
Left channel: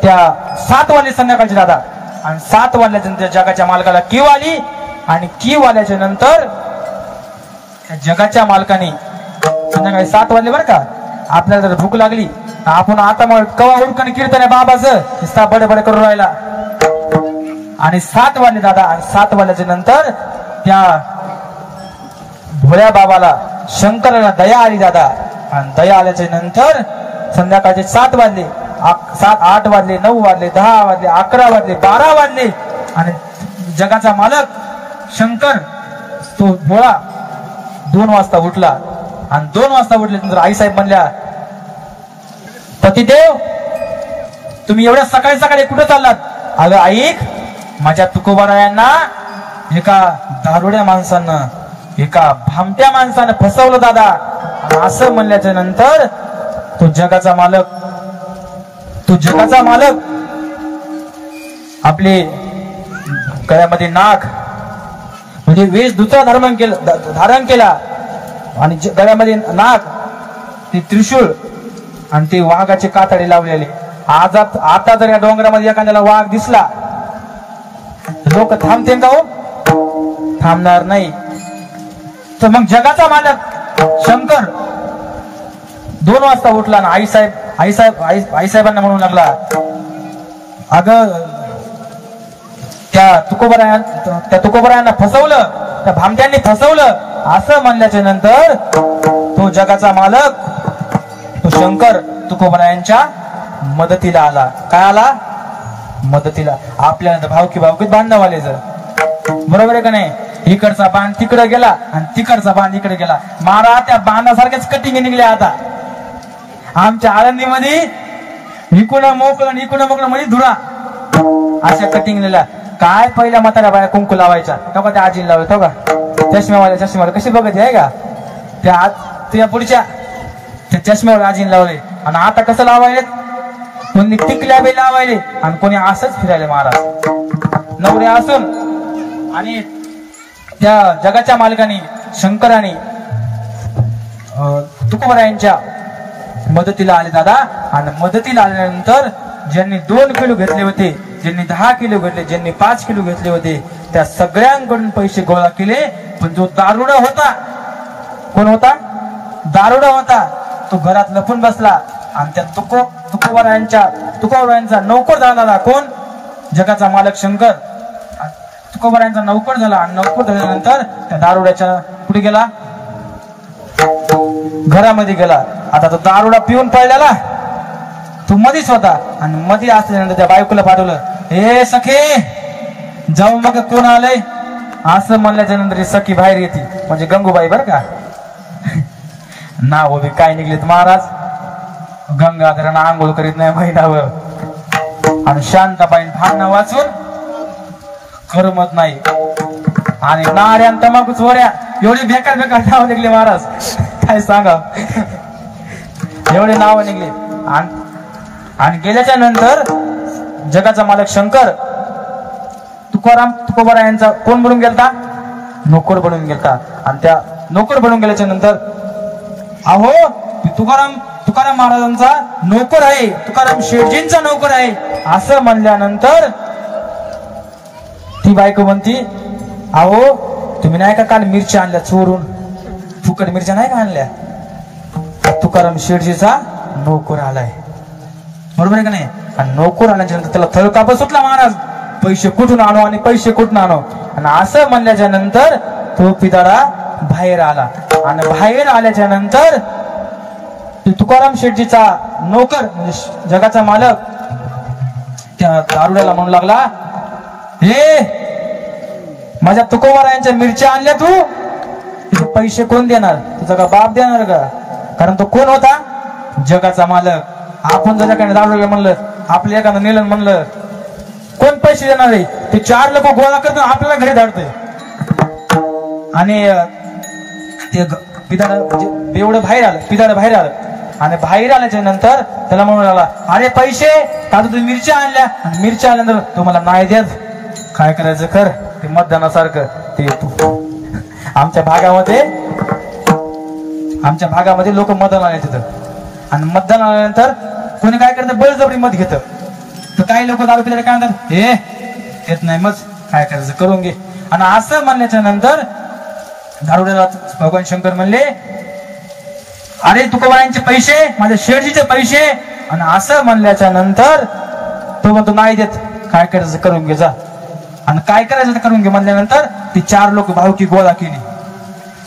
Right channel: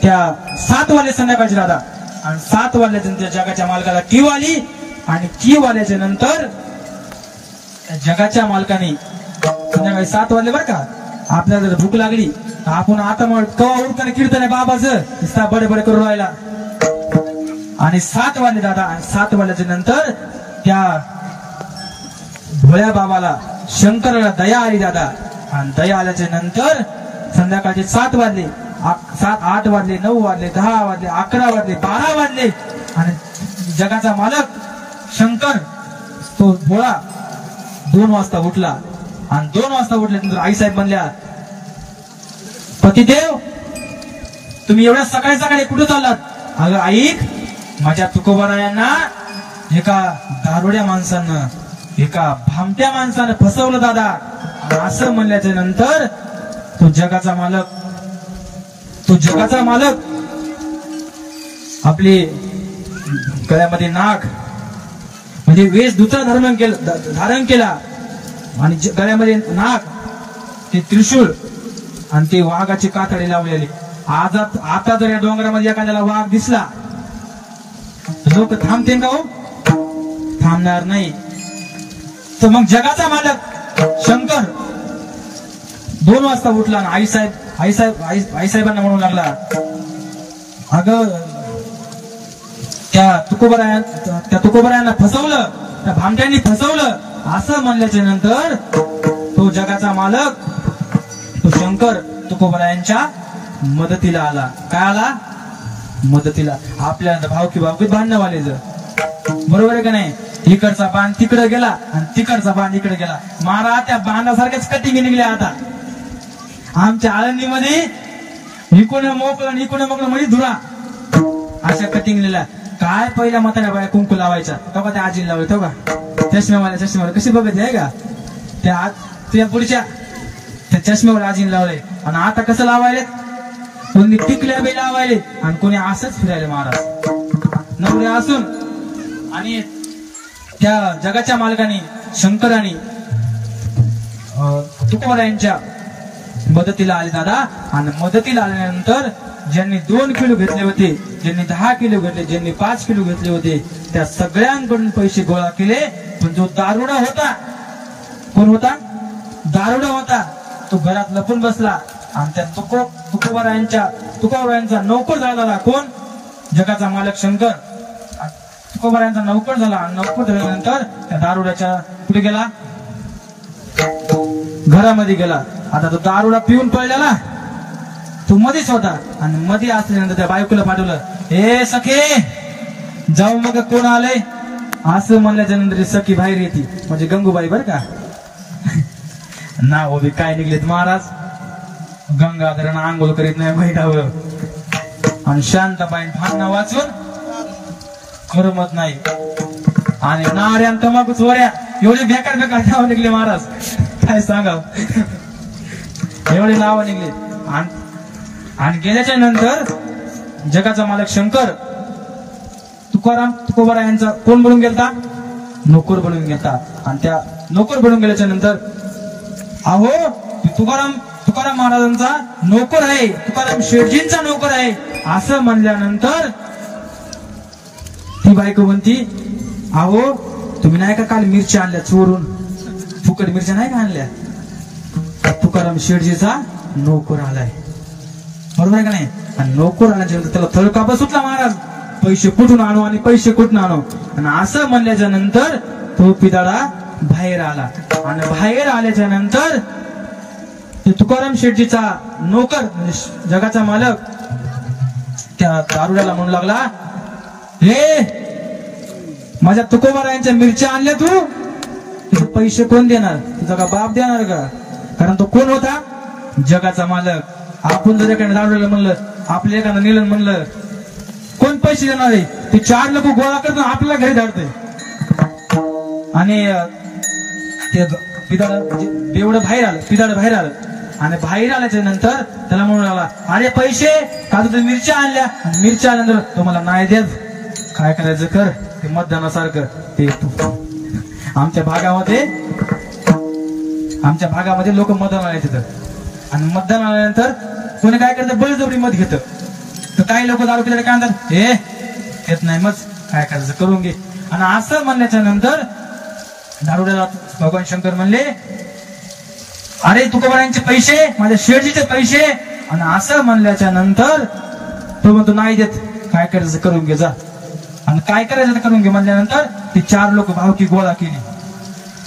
त्या 7 वाजले संध्याकाळचे दादा. आणि 7 वाजल्याच्या नंतर जगाच्या मालकाला कीव आली. आणि कीव आल्याच्या नंतर जगाच्या मालकाने संध्याकाळी 7 वाजले बरं का, आपल्याला जर भूक लागली आपण आता मग कवा उरकन कीर्तन आहे बाबाचं बडे करून राहिला. आणि 7 वाजले दादा. आणि 7 वाजल्याच्या नंतर त्या भोळ्या बाबाला शंकराला दया आली दादा. आणि दया आल्याच्या नंतर संध्याकाळचे 7 वाजले, 8 वाजले, 9 वाजले, 10 वाजले, 11 वाजले, 12 वाजले. आणि जगाचा मालक शंकर तो भोळा 2 वाजता उठला. आणि 2 वाजता उठल्यानंतर आईसाहेब म्हणल्या, पतिदेव तुम्ही एवढ्या सकाळी सकाळी कुठे चाललात? अगं ऐक, माझ्या तुकोबारायांना एका दारुड्या माणसानं, एका भामट्या माणसानं फसवलं दादा. आणि असं म्हणल्याच्या नंतर तो जगाचा मालक आपले गळ्यामध्ये नाग म्हणजे वेशभूषा धारण केला. आणि गळ्यामध्ये नाग, ते त्रिशूळ आणि ते वाघाचे कातडे लावलेले. आता जर या डोंगरामध्ये एखाद्याला वाघ दिसला लोक थांबतील का? हो, थांबणार नाही. तर मग जगाचा मालक शंकर 2 वाजता उठला ना आईसाहेबांना म्हणू लागला, अगं त्या तुकोबरायांना फसवलं, त्या भामट्यांनी फसवलं असं म्हणल्याच्या नंतर तो जगाचा मालक तो शंकर तुकोबरायांच्या मदतीला आला. काय आला? मदतीला. आपल्या भावकीत बांधवालेच, बरोबर आहे का नाही? इकडचा बांध तिकडे गेला आणि तिकडचा बांध इकडे गेला. मारा त्या बांधासारख्याच कटिंग निघल्या आता आमच्या आळंदीमध्ये. इकडं मोकळं इकडं मोकळं म्हणजे धुरा, अशा कटिंग निघल्या. काय पहिल्या म्हाताऱ्या बाया कुंकू लावायचा तो का त्या आजीला लावलं तो का चष्म्यावाल्या कशी बघायची आहे का त्या तुझ्या पुढच्या त्या चष्म्यावाल्या आजीने लावले. आणि आता कसं लावायले? कोणी टिकल्या बी लावायले आणि कोणी असंच फिरायले महाराज नवरे असून. आणि त्या जगाच्या मालकाने शंकराने तुकोबरायांच्या मदतीला आले दादा. आणि मदतीला आल्यानंतर ज्यांनी 2 किलो घेतले होते, ज्यांनी 10 किलो घेतले, ज्यांनी 5 किलो घेतले होते, त्या सगळ्यांकडून पैसे गोळा केले. पण जो दारुडा होता, कोण होता? दारुडा होता, तो घरात लपून बसला आणि त्या तुकोबरायांचा नौकर झाला. कोण? जगाचा मालक शंकर तुकोबरायांचा नौकर झाला. आणि नौकर झाल्यानंतर त्या दारुड्याच्या कुठे गेला? घरामध्ये गेला. आता तो दारुडा पिऊन पडलेला, तो मधीच होता. आणि मध्ये असल्यानंतर त्या बायकोला पाठवलं, हे सखे जाऊ मग कोण आलंय असं म्हणल्याच्या नंतर सखी बाहेर येते, म्हणजे गंगूबाई बर का. नाव बी काय निघलेत महाराज. गंगाधरांना आंघोळ करीत नाही महिनावर आणि शांताबाई भांडणं वाचून करमत नाही. आणि नाऱ्या तमाकू चोऱ्या एवढे बेकार नाव निघले महाराज, काय सांगा. एवढे नाव निघले. आणि गेल्याच्या नंतर जगाचा मालक शंकर तुकोबरायांचा कोण बनून गेलता? नोकर बनून गेलता. आणि त्या नोकर बनून गेल्याच्या नंतर अहो तुकाराम महाराजांचा नोकर आहे, तुकाराम शेठजींचा नोकर आहे असं म्हणल्यानंतर ती बायको म्हणती, अहो तुम्ही नाही का काल मिरच्या आणल्या चोरून, फुकट मिरच्या नाही का आणल्या? तुकाराम शेठजीचा नोकर आलाय, बरोबर आहे का नाही? आणि नोकर आल्याच्या नंतर त्याला थळकाप सुटला महाराज, पैसे कुठून आणू आणि पैसे कुठून आणू. आणि असं म्हणल्याच्या नंतर तो पिताळा बाहेर आला. आणि बाहेर आल्याच्या नंतर तुकाराम शेठजीचा नोकर म्हणजे जगाचा मालक त्या दारुड्याला म्हणू लागला, हे माझ्या तुकोबरायांच्या मिरच्या आणल्या तू, पैसे कोण देणार? तुझा का बाप देणार का? कारण तो कोण होता? जगाचा मालक. आपण जर एखाद्या दारुड्याला म्हणलं, आपल्या एखादं नेलं म्हणलं, कोण पैसे देणार आहे? ते 4 लोक गोळा करतो आपल्याला घरी धाडतोय. आणि ते एवढं पिदाड बाहेर आलं. आणि बाहेर आल्याच्या नंतर त्याला म्हणू लागला, अरे पैसे का तुम्ही मिरच्या आणल्या? आणि मिरच्या आल्यानंतर तुम्हाला नाही देत, काय करायचं कर. ते मतदानासारखं ते आमच्या भागामध्ये लोक मतदान आले तिथं. आणि मतदान आल्यानंतर कोणी काय करतं? बळजबरी मत घेतं. तर काही लोक दारू पिल्याला काय म्हणतात, हे येत नाही मग काय करायचं करून घे. आणि असं म्हणण्याच्या नंतर दारुड्याला भगवान शंकर म्हणले, अरे तुकोबरायांचे पैसे, माझ्या शेठजीचे पैसे. आणि असं म्हणल्याच्या नंतर तो म्हणतो नाही देत, काय करायचं करून घे जा. आणि काय करायचं करून घे म्हणल्यानंतर ती 4 लोक भावकी गोळा केली.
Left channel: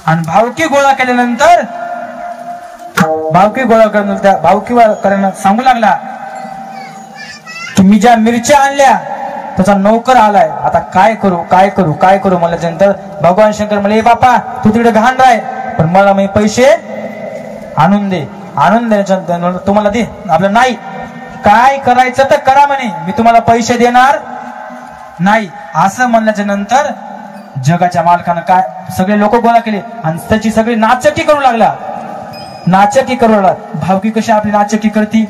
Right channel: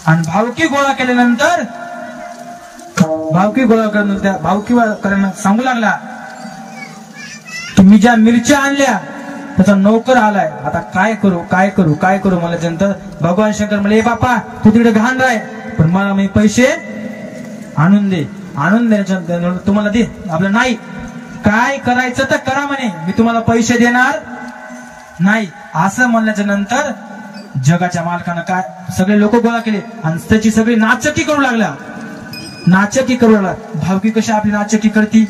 आणि भावकी गोळा केल्यानंतर भावकी करायला सांगू लागला की मी ज्या मिरच्या आणल्या त्याचा नोकर आलाय, आता काय करू म्हणल्यानंतर भगवान शंकर म्हणले, बापा तू तिकडे घाण राय, पण मला मी पैसे आणून द्यायच्या तुम्हाला दे. आपलं नाही, काय करायचं तर करा म्हणे, मी तुम्हाला पैसे देणार नाही. असं म्हणल्याच्या नंतर जगाच्या मालकानं काय सगळे लोक गोळा केले आणि त्याची सगळी नाचक्की करू लागला. भावकी कशी आपली नाचक्की करती?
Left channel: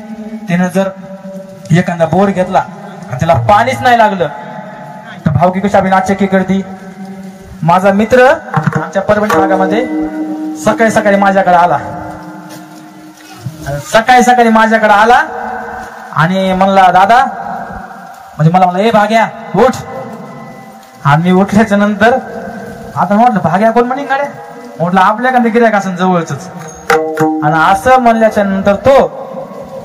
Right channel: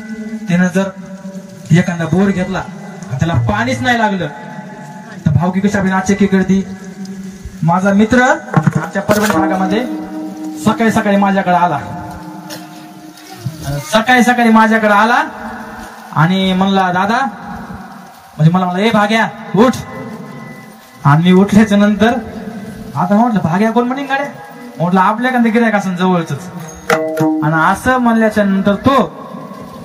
तिनं जर एखादा बोर घेतला आणि त्याला पाणीच नाही लागलं तर भावकी कशी आपली नाचक्की करती? माझा मित्र आमच्या परभणी भागामध्ये सकाळी माझ्याकडे आला आणि म्हणला, दादा म्हणजे मला ए भाग्या उठ. आणि मी उठल्याच्या नंतर आता म्हटलं भाग्या कोण म्हणेन गाड्या, म्हटलं आपल्या का गिऱ्हाईक असं जवळच. आणि असं म्हणल्याच्या नंतर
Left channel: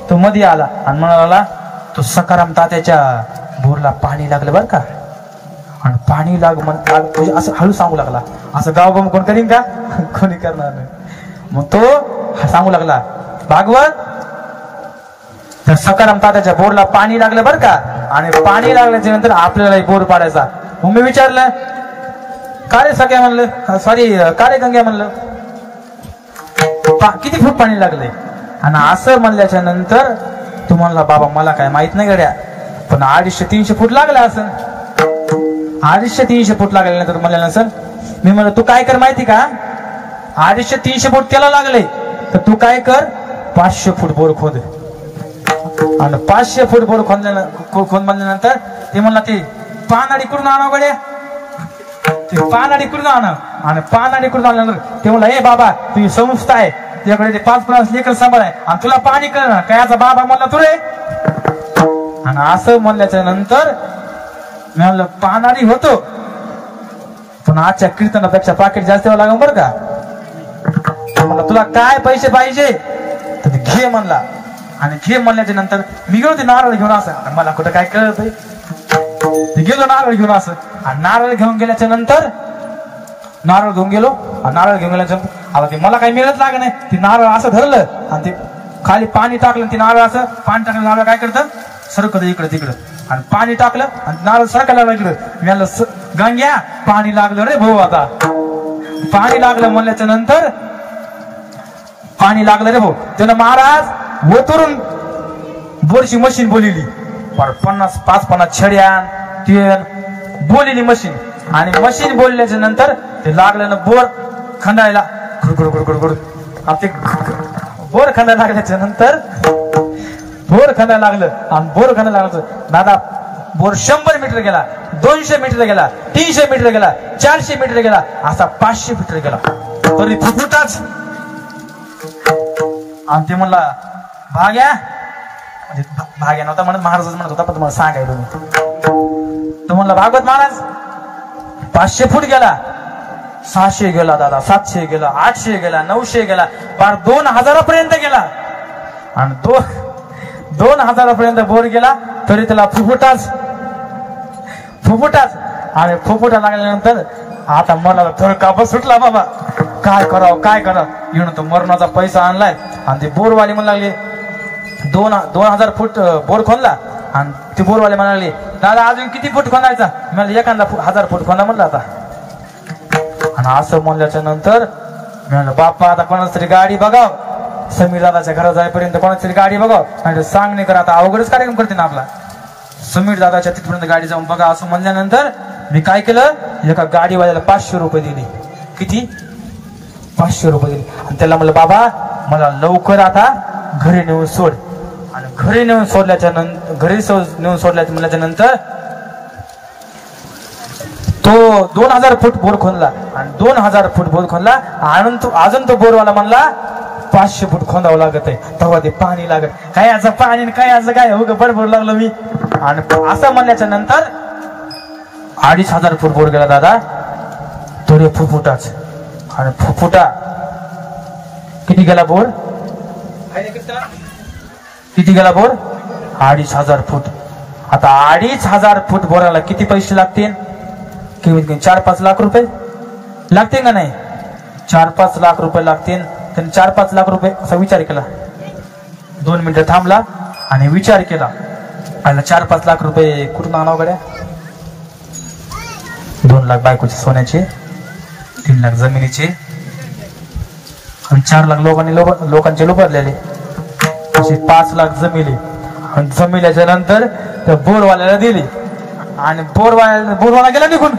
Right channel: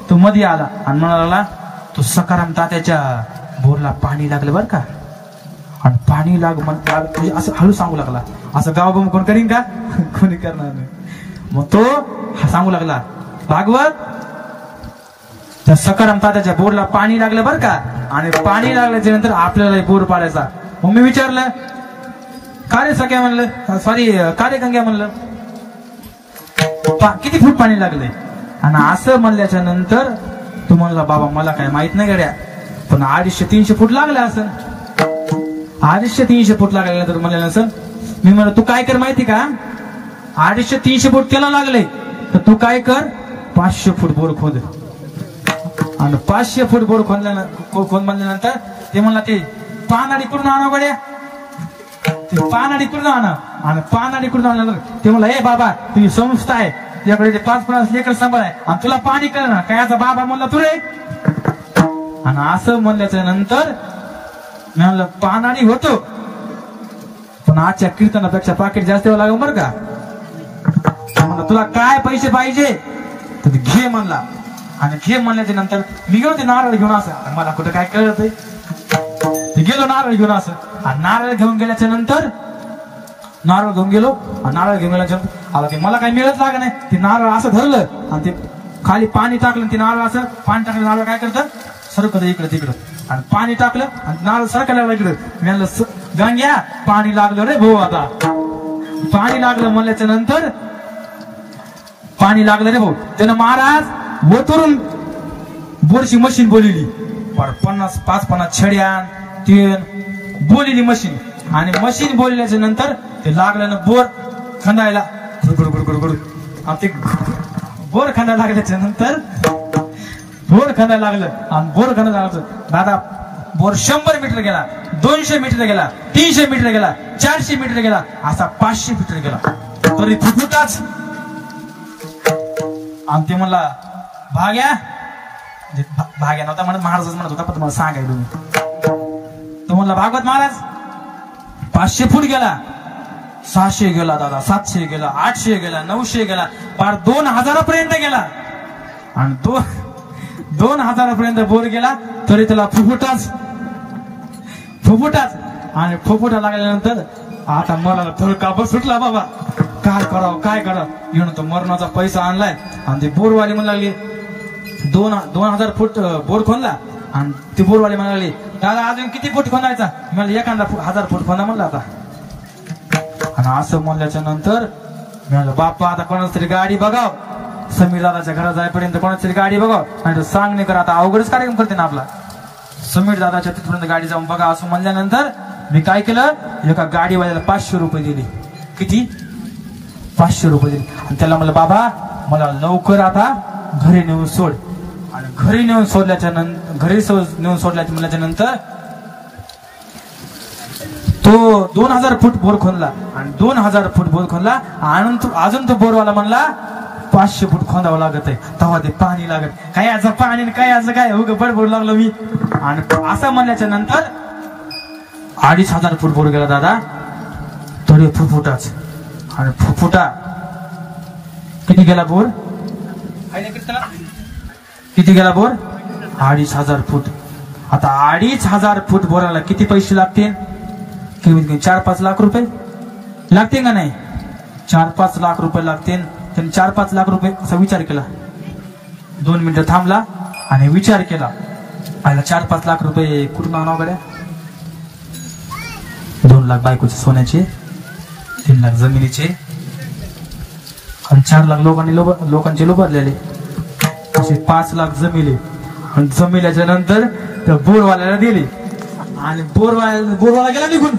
तो मध्ये आला आणि म्हणाला, तो सकाराम तात्याच्या बोरला पाणी लागलं बर का, आणि पाणी तुझे असं हळू सांगू लागला. असं गावबम कोण करीन का? कोणी करणार नाही. मग तो सांगू लागला, भागवत, तर सकाराम तात्याच्या बोरला पाणी लागलं बर का, आणि पाणी लागल्याच्या नंतर आपल्याला बोर पाडायचा. मग मी विचारलं, का रे सगळ्या म्हणलं, सॉरी का रे गंग्या म्हणलं, किती फूट पाणी लागलंय? आणि असं म्हणल्याच्या नंतर तू म्हणला, बाबा मला काय माहित नाही गड्या, पण 250-300 फूट लागला असं. 250-300 फूट लागल्यानंतर म्हणलं नसल. मी म्हणलं, तू काय कर माहिती का, 250-300 फूट त्याला लागले, तर तू काय कर, 500 फूट बोर खोद. आणि 500 फूट बोर खोद म्हणल्यानंतर ते म्हणला, ते पानाडी करून आणा गड्या, ते पानाडी करून आणा. आणि पानाडी करून आणल्यानंतर ते म्हणला, ए बाबा तुझी संस्था आहे, तुझ्याकडे ते 5 लेकर सांभाळ आहे, आणि तुला पाणी कळणार काय याचा बाबा म्हणला तू रे. आणि असं म्हणल्याच्या नंतर मी म्हणलं, पानाडी होतो, पण आजच्या कीर्तनापेक्षा पाकिट जास्त लागेल बरं का. म्हणलं, तुला काय पैसे पाहिजे तर घे म्हणला. आणि घे म्हणल्याच्या नंतर मी गेलो ते नारळ घेऊन. असं मला कुठं काय कळत, गेलो नारळ घेऊन. असं आणि नारळ घेऊन गेल्याच्या नंतर नारळ घेऊन गेलो, आणि नारळ घेऊन गेल्याच्या नंतर आला ते मला काही मिळत लाग नाही. ते नारळ असं धरलं आणि ते खाली पाणी टाकलं, ते नारळ असं पाणी टाकलं, नारळ काय करतं सरकत इकडं तिकडं, आणि पाणी टाकलं आणि नारळ सरकायला इकडं. मी म्हणलं, गंग्या पाणी लागलं रे भाऊ, आता पाणी लागलं म्हणल्याच्या नंतर पाणी लागलं रे भाऊ. त्यानं महाराज ओतरून बोरची मशीन बोलिली, 50 छड्या तेन बोलिली मशीन. आणि मशीन बोलल्याच्या नंतर ते लागलं ना बोर खंदायला, गुडगुड. ते बोर खंदायला लागल्याच्या नंतर बोर खंदायला लागलं, आणि बोर खंदायला लागलं दादा, बोर 100 मीटर गेला, 200 मीटर गेला, 300 मीटर गेला, 400 मीटर गेला, असा 500 मीटर गेला, तरी फुफुटाच. आणि ते म्हणला, भाग्या, म्हणजे भाग्या नव्हता म्हणत, महाराजच म्हणत होता, पण तुम्हाला सांगायला मी. तो म्हणला, भागवत महाराज 500 फूट गेला, 600 गेला दादा, 700 गेला, 800 गेला, 900 गेला, पार 2000 पर्यंत गेला. आणि 2000 पर्यंत बोर गेला, तरी त्याला फुफुटाच. आणि फुफुटा लागल्यानंतर आता मला थोडं कापस सुटला, बाबा काय करावं. येऊन तो मरणाचा पैसा आणलाय. आणि ते बोरवाली म्हणू लागली, 2000 फूट बोर खोदला. आणि ते बोरवाले म्हणू लागले, दादा अजून किती फूट खोदायचा? मला एखादा 1000 फूट खोदा म्हणलं आता. आणि असं म्हणल्याच्या नंतर मी म्हणलं, बाप्पा आता कोणाच तरी गाडी बघाव, समीर दादाच्या घरात जाईपर्यंत कोणाच तरी गाडी बघाव, आणि सांग नाही करा, आता अवघडच कार्यक्रम करते ना आपला. समीर दादाच्या तिथपर्यंत गाडी जाऊन बघा असं म्हणल्यानंतर मी काय केलं, एका गाडीवाल्याला 500 रुपये दिले. किती? 500 रुपये दिले. आणि त्याला म्हणलं, बाबा मला लवकर आता घरी नेऊन सोड. आणि घरी नेऊन सोडल्याच्या नंतर तो 2000 फूट बोर खोदला. आणि 2000 फूट बोर खोदला, अजून तो बोरवाला म्हणला 500 फूट खोदावं लागत आहे, तेव्हा ते पाणी लागत. काय याचं पाणी, काय याचं काय, उग बडबड लागलो मी. आणि असं म्हणल्याच्या नंतर 2500 फूट बोर गेला दादा, तरी फुफुटाच. आणि फुफुटा किती गेला बोर, किती गेला बोर, 2500 फूट. आता 2500 फूट बोराला किती पैसे लागतील? कमीत कमी 4-5 लाख रुपये लागतील का नाही? 4-5 लाख रुपये लागतील. त्यांनी 4-5 लाख रुपये असा विचार केला. 2 मिनिटं थांबला आणि विचार केला, आला 4-5 लाख रुपये कुठून आणावं गड्या? 2 लाख बायकोचे सोन्याचे, 3 लाख जमिनीचे, आणि 4 लाख लोकांचे लुबरलेले, असे 5 लाख जमिले. आणि जमिल्याच्या नंतर त्या बोरवाल्याला दिली. आणि बोरवाला गेला निघून.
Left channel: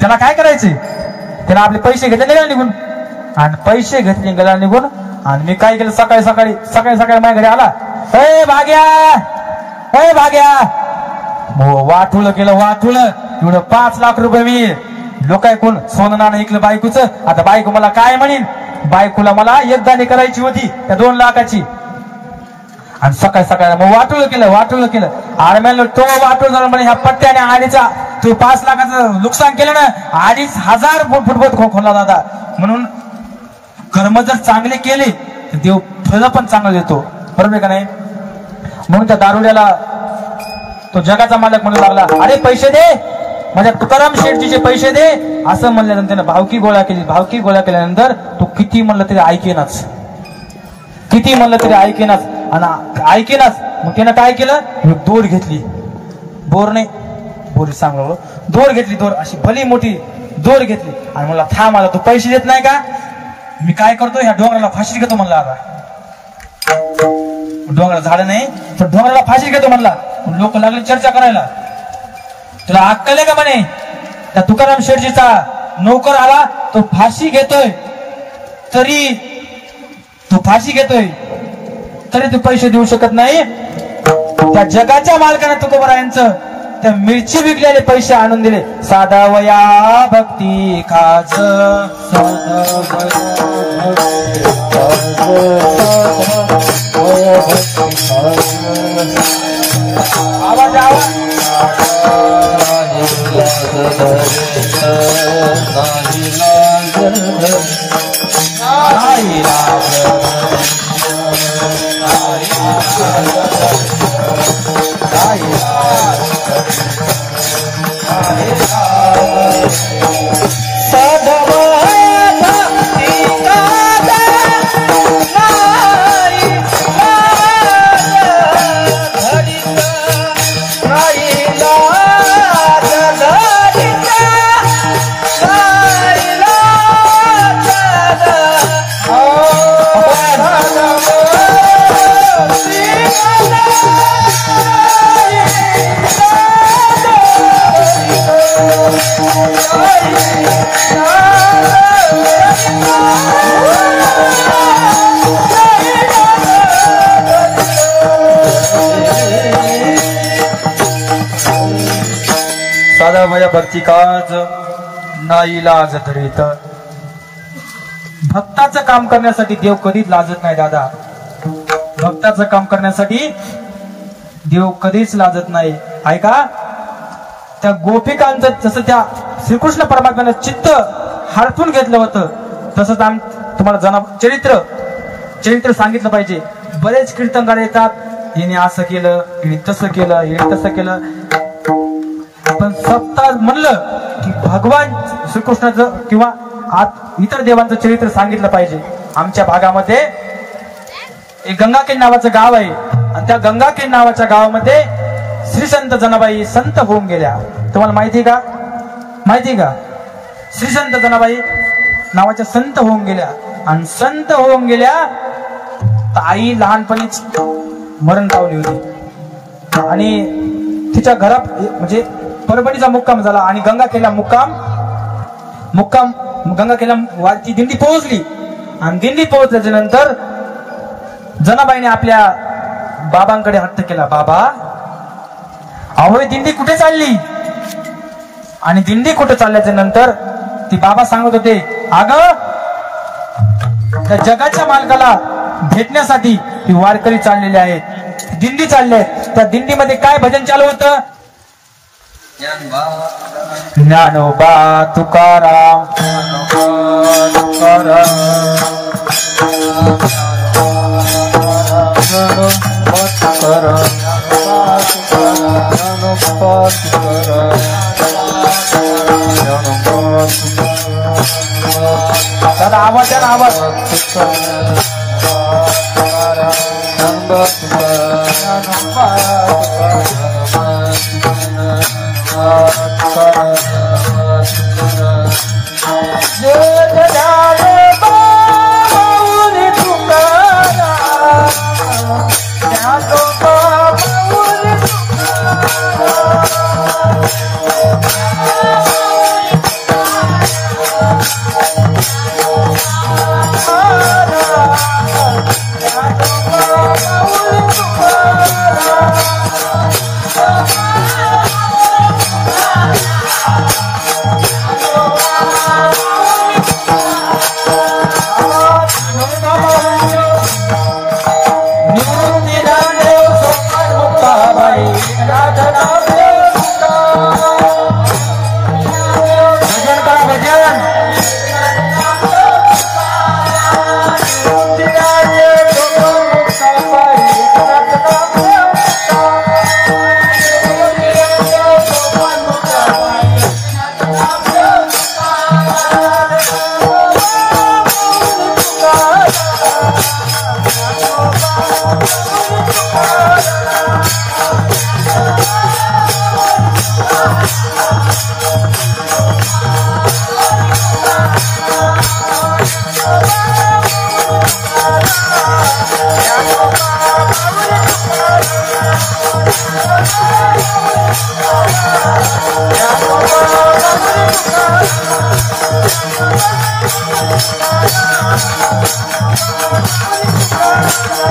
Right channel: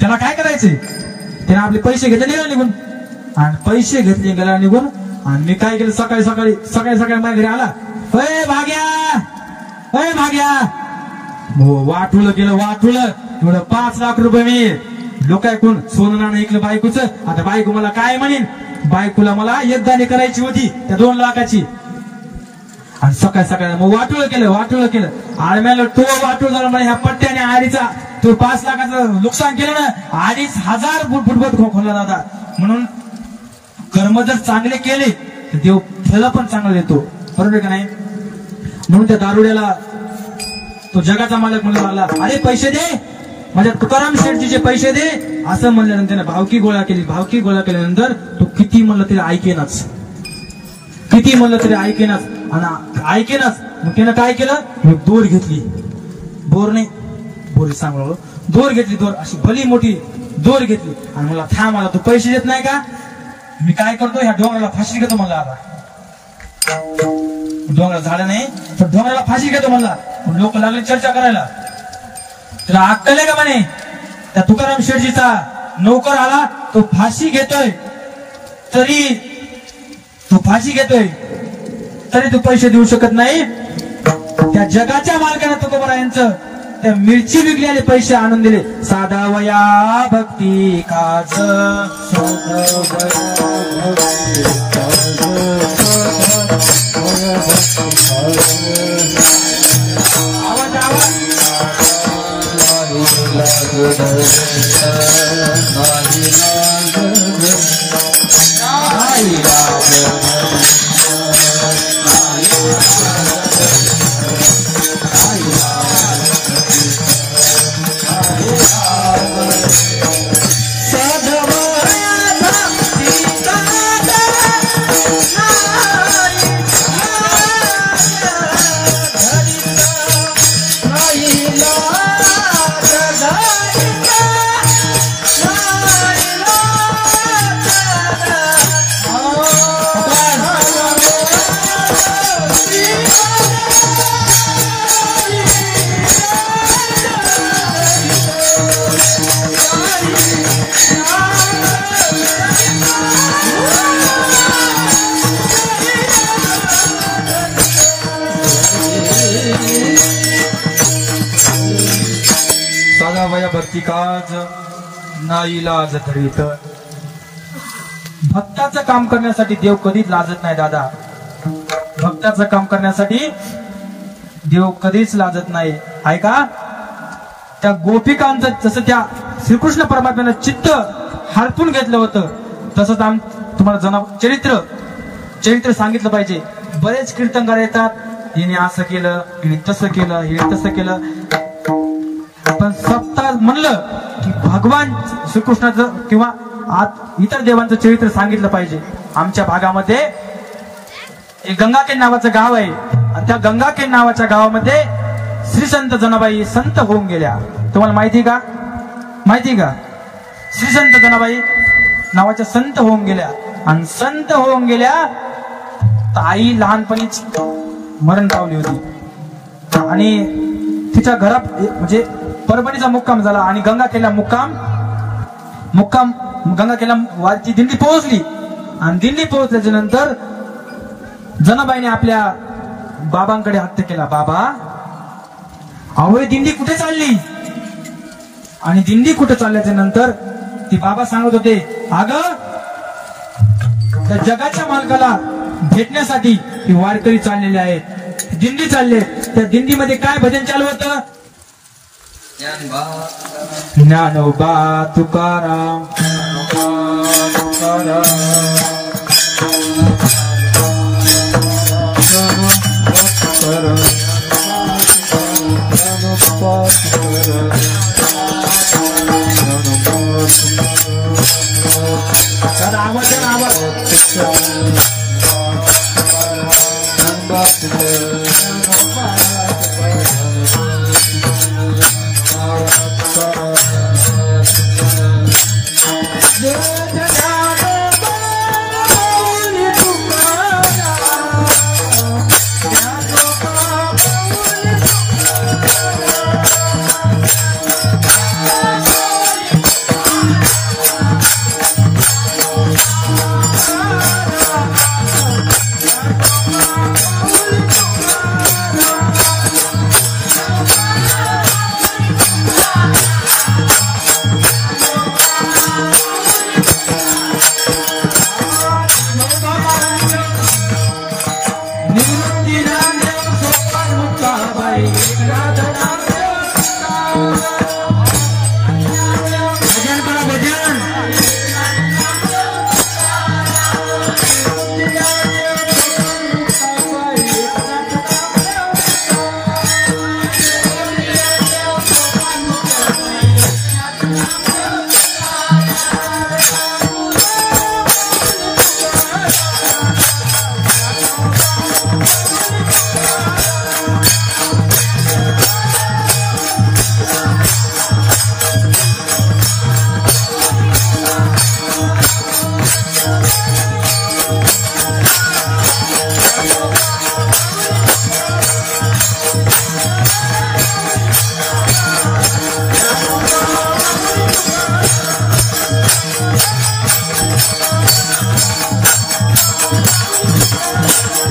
त्याला काय करायचे, त्याला आपले पैसे घेतले गेला निघून. आणि पैसे घेतले गेला निघून. आणि मी काय केलं, सकाळी माझ्या घरी आला, ए भाग्या, वाटुलं केलं, एवढं 5 लाख रुपये मी लोक कोण सोनं नाणं ऐकलं बायकोचं. आता बायको मला काय म्हणेन, बायकोला मला एकदाणी करायची होती त्या 2 लाखाची. आणि सकाळी मग वाटुलं केलं. आणि म्हणलं, तो वाटू झाला म्हणजे ह्या पट्ट्याने आडीचा तू 5 लाखाचं नुकसान केलं ना, 2500 फुट खोदला दादा. म्हणून कर्म जर चांगले केले तर देव फळ पण चांगलं देतो, बरोबर का नाही? म्हणून त्या दारुड्याला तो जगाचा मालक म्हणू लागला, अरे पैसे दे, माझ्या तुकाराम शेठजीचे पैसे दे. असं म्हणल्यानंतर त्यानं भावकी गोळा केली. भावकी गोळा केल्यानंतर तो किती म्हणलं तरी ऐकेनाच, किती म्हणलं तरी ऐकेनाच. आणि ऐकेनाच मग त्यानं काय केलं, दोर घेतली, बोर नाही बोरी सांगलो, दोर घेतली, दोर अशी भली मोठी दोर घेतली आणि मला थांब, मला तू पैसे देत नाही का, मी काय करतो ह्या डोंगराला फाशी घेतो म्हणला. आता डोंगराला झालं नाही तर डोंगराला फाशी घेतो म्हणला. लोक लागले चर्चा करायला, तुला अक्कल आहे का म्हणे, त्या तुकाराम शेठजीचा नोकर आला, तो फाशी घेतोय तरी तू पैसे देऊ शकत नाही. त्या जगाच्या मालकाने तुकोबारायांचं त्या मिरची विकलेले पैसे आणून दिले. साधा वया भक्ती काज, आवाज आवाज भक्ती काज नाही लाज धरीत. भक्ताचं काम करण्यासाठी देव कधीच लाजत नाही दादा, भक्ताचं काम करण्यासाठी देव कधीच लाजत नाही. ऐका, त्या गोपिकांचं जसं त्या श्रीकृष्ण परमात्म्यानं चित्त हडपून घेतलं होतं तसंच तुम्हाला चरित्र सांगितलं पाहिजे. बरेच कीर्तनकार येतात, हिने असं केलं, हिने तसं केलं, हिने तसं केलं, पण सप्ताह म्हणलं की भगवान श्रीकृष्णाचं किंवा इतर देवांचं चरित्र सांगितलं पाहिजे. आमच्या भागामध्ये एक गंगाखेड नावाचं गाव आहे आणि त्या गंगाखेड नावाच्या गावामध्ये श्री संत जनाबाई संत होऊन गेल्या. तुम्हाला माहिती का? श्री संत जनाबाई नावाच्या संत होऊन गेल्या. आणि संत होऊन गेल्या तर आई लहानपणीच मरण पावली होती आणि तिच्या घरात म्हणजे परभणीचा मुक्काम झाला आणि गंगाखेडला मुक्काम गंगाखेडला ती दिंडी पोहोचली. आणि दिंडी पोहोचल्याच्या नंतर जनाबाईने आपल्या बाबांकडे हट्ट केला, बाबा अहो दिंडी कुठे चालली? आणि दिंडी कुठे चालल्याच्या नंतर ती बाबा सांगत होते, अगं त्या जगाच्या मालकाला भेटण्यासाठी ती वारकरी चाललेले आहेत, दिंडी चालले. त्या दिंडीमध्ये काय भजन चालू होतं? ज्ञानोबा तुकाराम Oh, आणि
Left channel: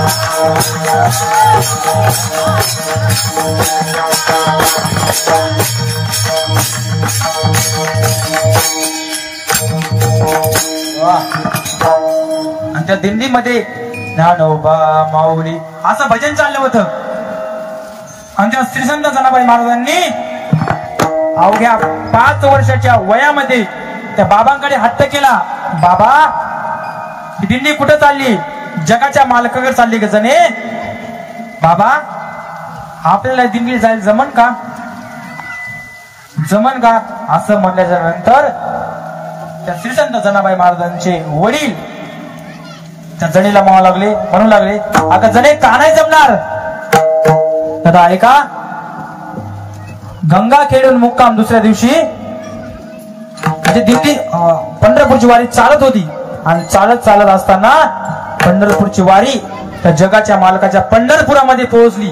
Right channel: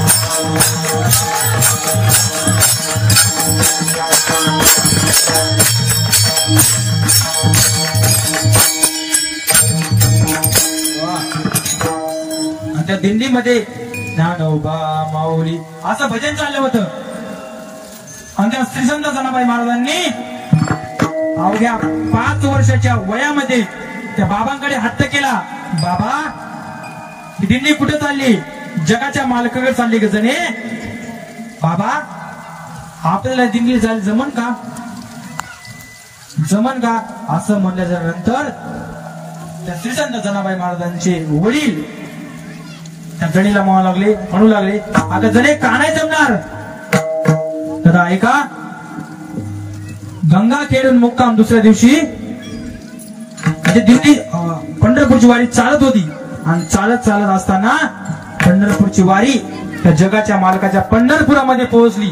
त्या दिंडीमध्ये ज्ञानोबा माऊली असं भजन चाललं होतं. आणि त्या श्रीसंत जनाबाई महाराजांनी अवघ्या 5 वर्षाच्या वयामध्ये त्या बाबांकडे हट्ट केला. बाबा, ही दिंडी कुठं चालली? जगाच्या मालकाकडे चालली ग जणे. बाबा, आपल्याला दिंडी जायला जमन का? जमन का? असं म्हणल्याच्या नंतर त्या श्रीसंत जनाबाई महाराजांचे वडील त्या जणीला म्हणू लागले, आता जणे का नाही जमणार? आता ऐका, गंगा खेळून मुक्काम दुसऱ्या दिवशी दिंडी पंढरपूरची वारी चालत होती. आणि चालत असताना पंढरपूरची वारी त्या जगाच्या मालकाच्या पंढरपुरामध्ये पोहोचली.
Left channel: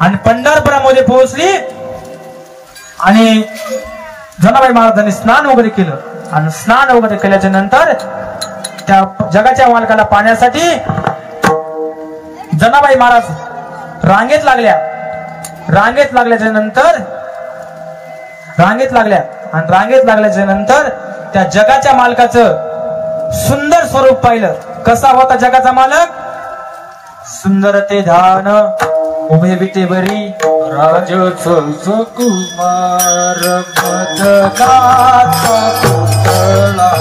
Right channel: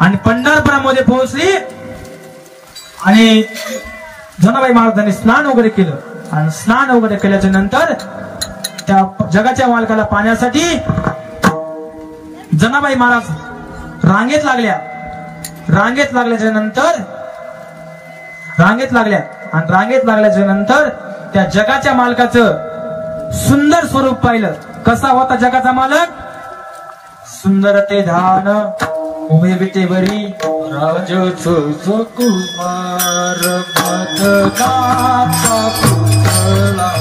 आणि पंढरपुरामध्ये पोहोचली आणि जनाबाई महाराजांनी स्नान वगैरे केलं. आणि स्नान वगैरे केल्याच्या नंतर त्या जगाच्या मालकाला पाण्यासाठी जनाबाई महाराज रांगेत लागल्या. रांगेत लागल्याच्या नंतर त्या जगाच्या मालकाचं सुंदर स्वरूप पाहिलं. कसा होता जगाचा मालक? सुंदर ते धान उभे विटे बरी राज कुमार मदनाचा पुतळा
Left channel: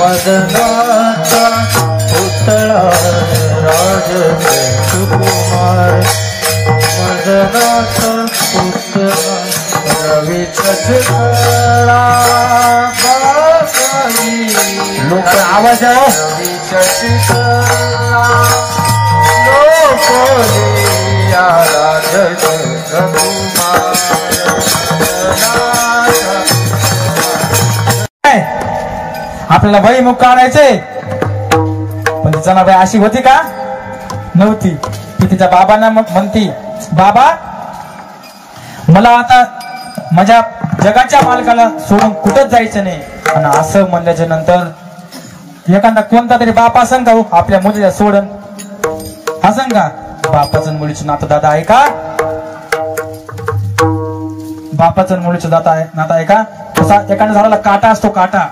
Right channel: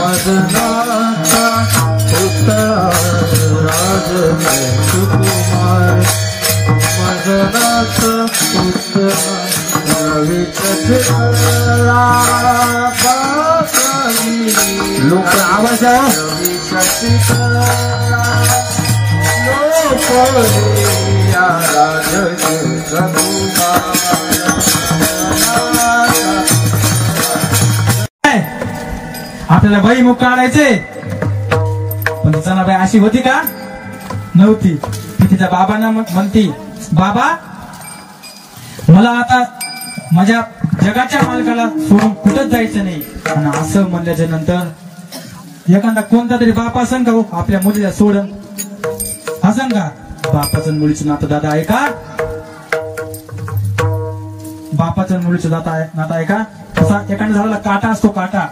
मदनाचा पुतळा राज कुमार मदनाचा पुतळा रवी चला लोक आवाज आपल्याला भईमुख काढायचे. पण जनाबाई अशी होती का? नव्हती. ती तिच्या बाबांना म्हणती, बाबा, मला आता माझ्या जगाच्या मालकाला सोडून कुठंच जायचं नाही. आणि असं म्हणल्याच्या नंतर एखादा कोणता तरी बाप असन का हो आपल्या मुलीला सोडून? असन का? बापाचं मुलीचं नातं दादा आहे का? बापाचं मुलीचं नातं आहे का? तसा एखाद्या झाडाला काटा असतो, काटा.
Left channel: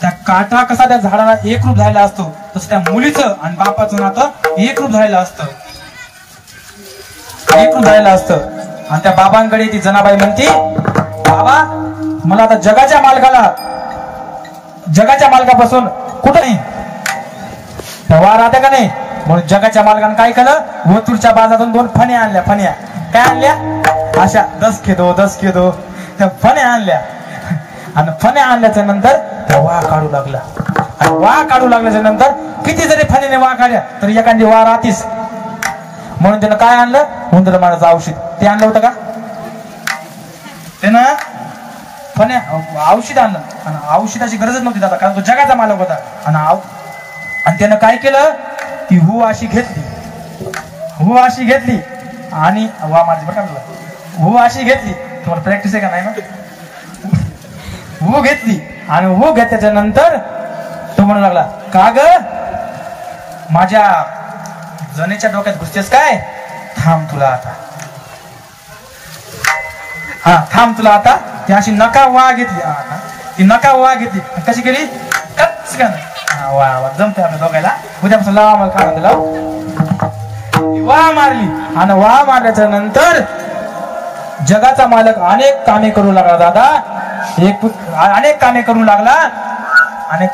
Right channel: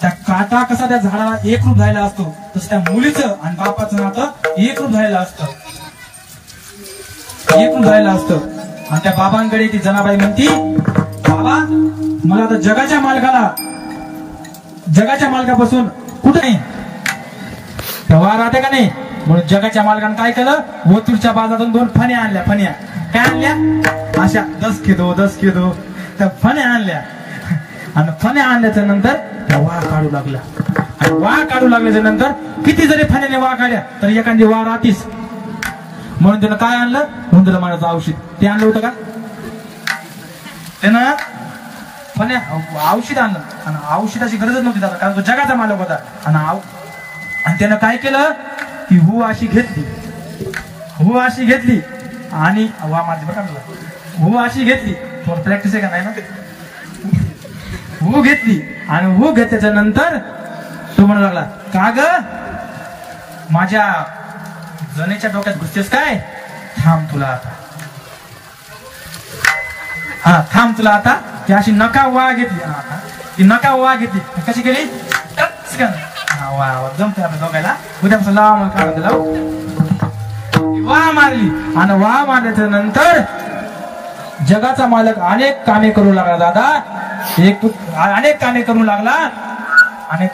त्या काटा कसा त्या झाडाला एकरूप झालेला असतो, तसं त्या मुलीचं आणि बापाचं नातं एकरूप झालेलं असतं. आणि त्या बाबांकडे ती जनाबाई म्हणती, बाबा, मला आता जगाच्या मालकापासून कुठं नाही वार राहते का नाही? म्हणून जगाच्या मालकानं काय केलं? वतूरच्या बाजारातून 2 फण्या आणल्या. फण्या काय आणल्या? अशा 10 किलो त्या फण्या आणल्या. आणि फण्या आणल्याच्या नंतर त्या वाह काढू लागला. आणि वाह काढू लागल्याच्या नंतर किती जरी फण्याने वाह काढल्या तरी एखादी वाह राहतीस. म्हणून त्यानं काय आणलं? उंदर मारायचं औषध. ते आणलं होतं का? त्यानं फण्या औषध आणलं. आणि औषधाची गरजच नव्हती दादा, कारण तो जगाचा मालक होता. आणि त्यानं काय केलं? ती हू अशी घेतली आणि वा माझी बघा हू अशी घेतली. तुम्हाला प्रॅक्टिस आहे का नाही ना? हू घेतली आणि हू घेतल्याच्या नंतर तो म्हणू लागला, का ग माझ्या जनेच्या डोक्यात घुसतेस काय? थांब तुला आता. ती अशी नका वा घेतली. ती नका वा घेतली. कशी केली? वा जमते आपल्या दोघायला. उद्यापासून लावा काढा लावू. वा मारली. आणि वा मारल्याच्या नंतर जगाचा मालक अनेक कामे करू लागला दादा. अनेक कामे करू लागला. आणि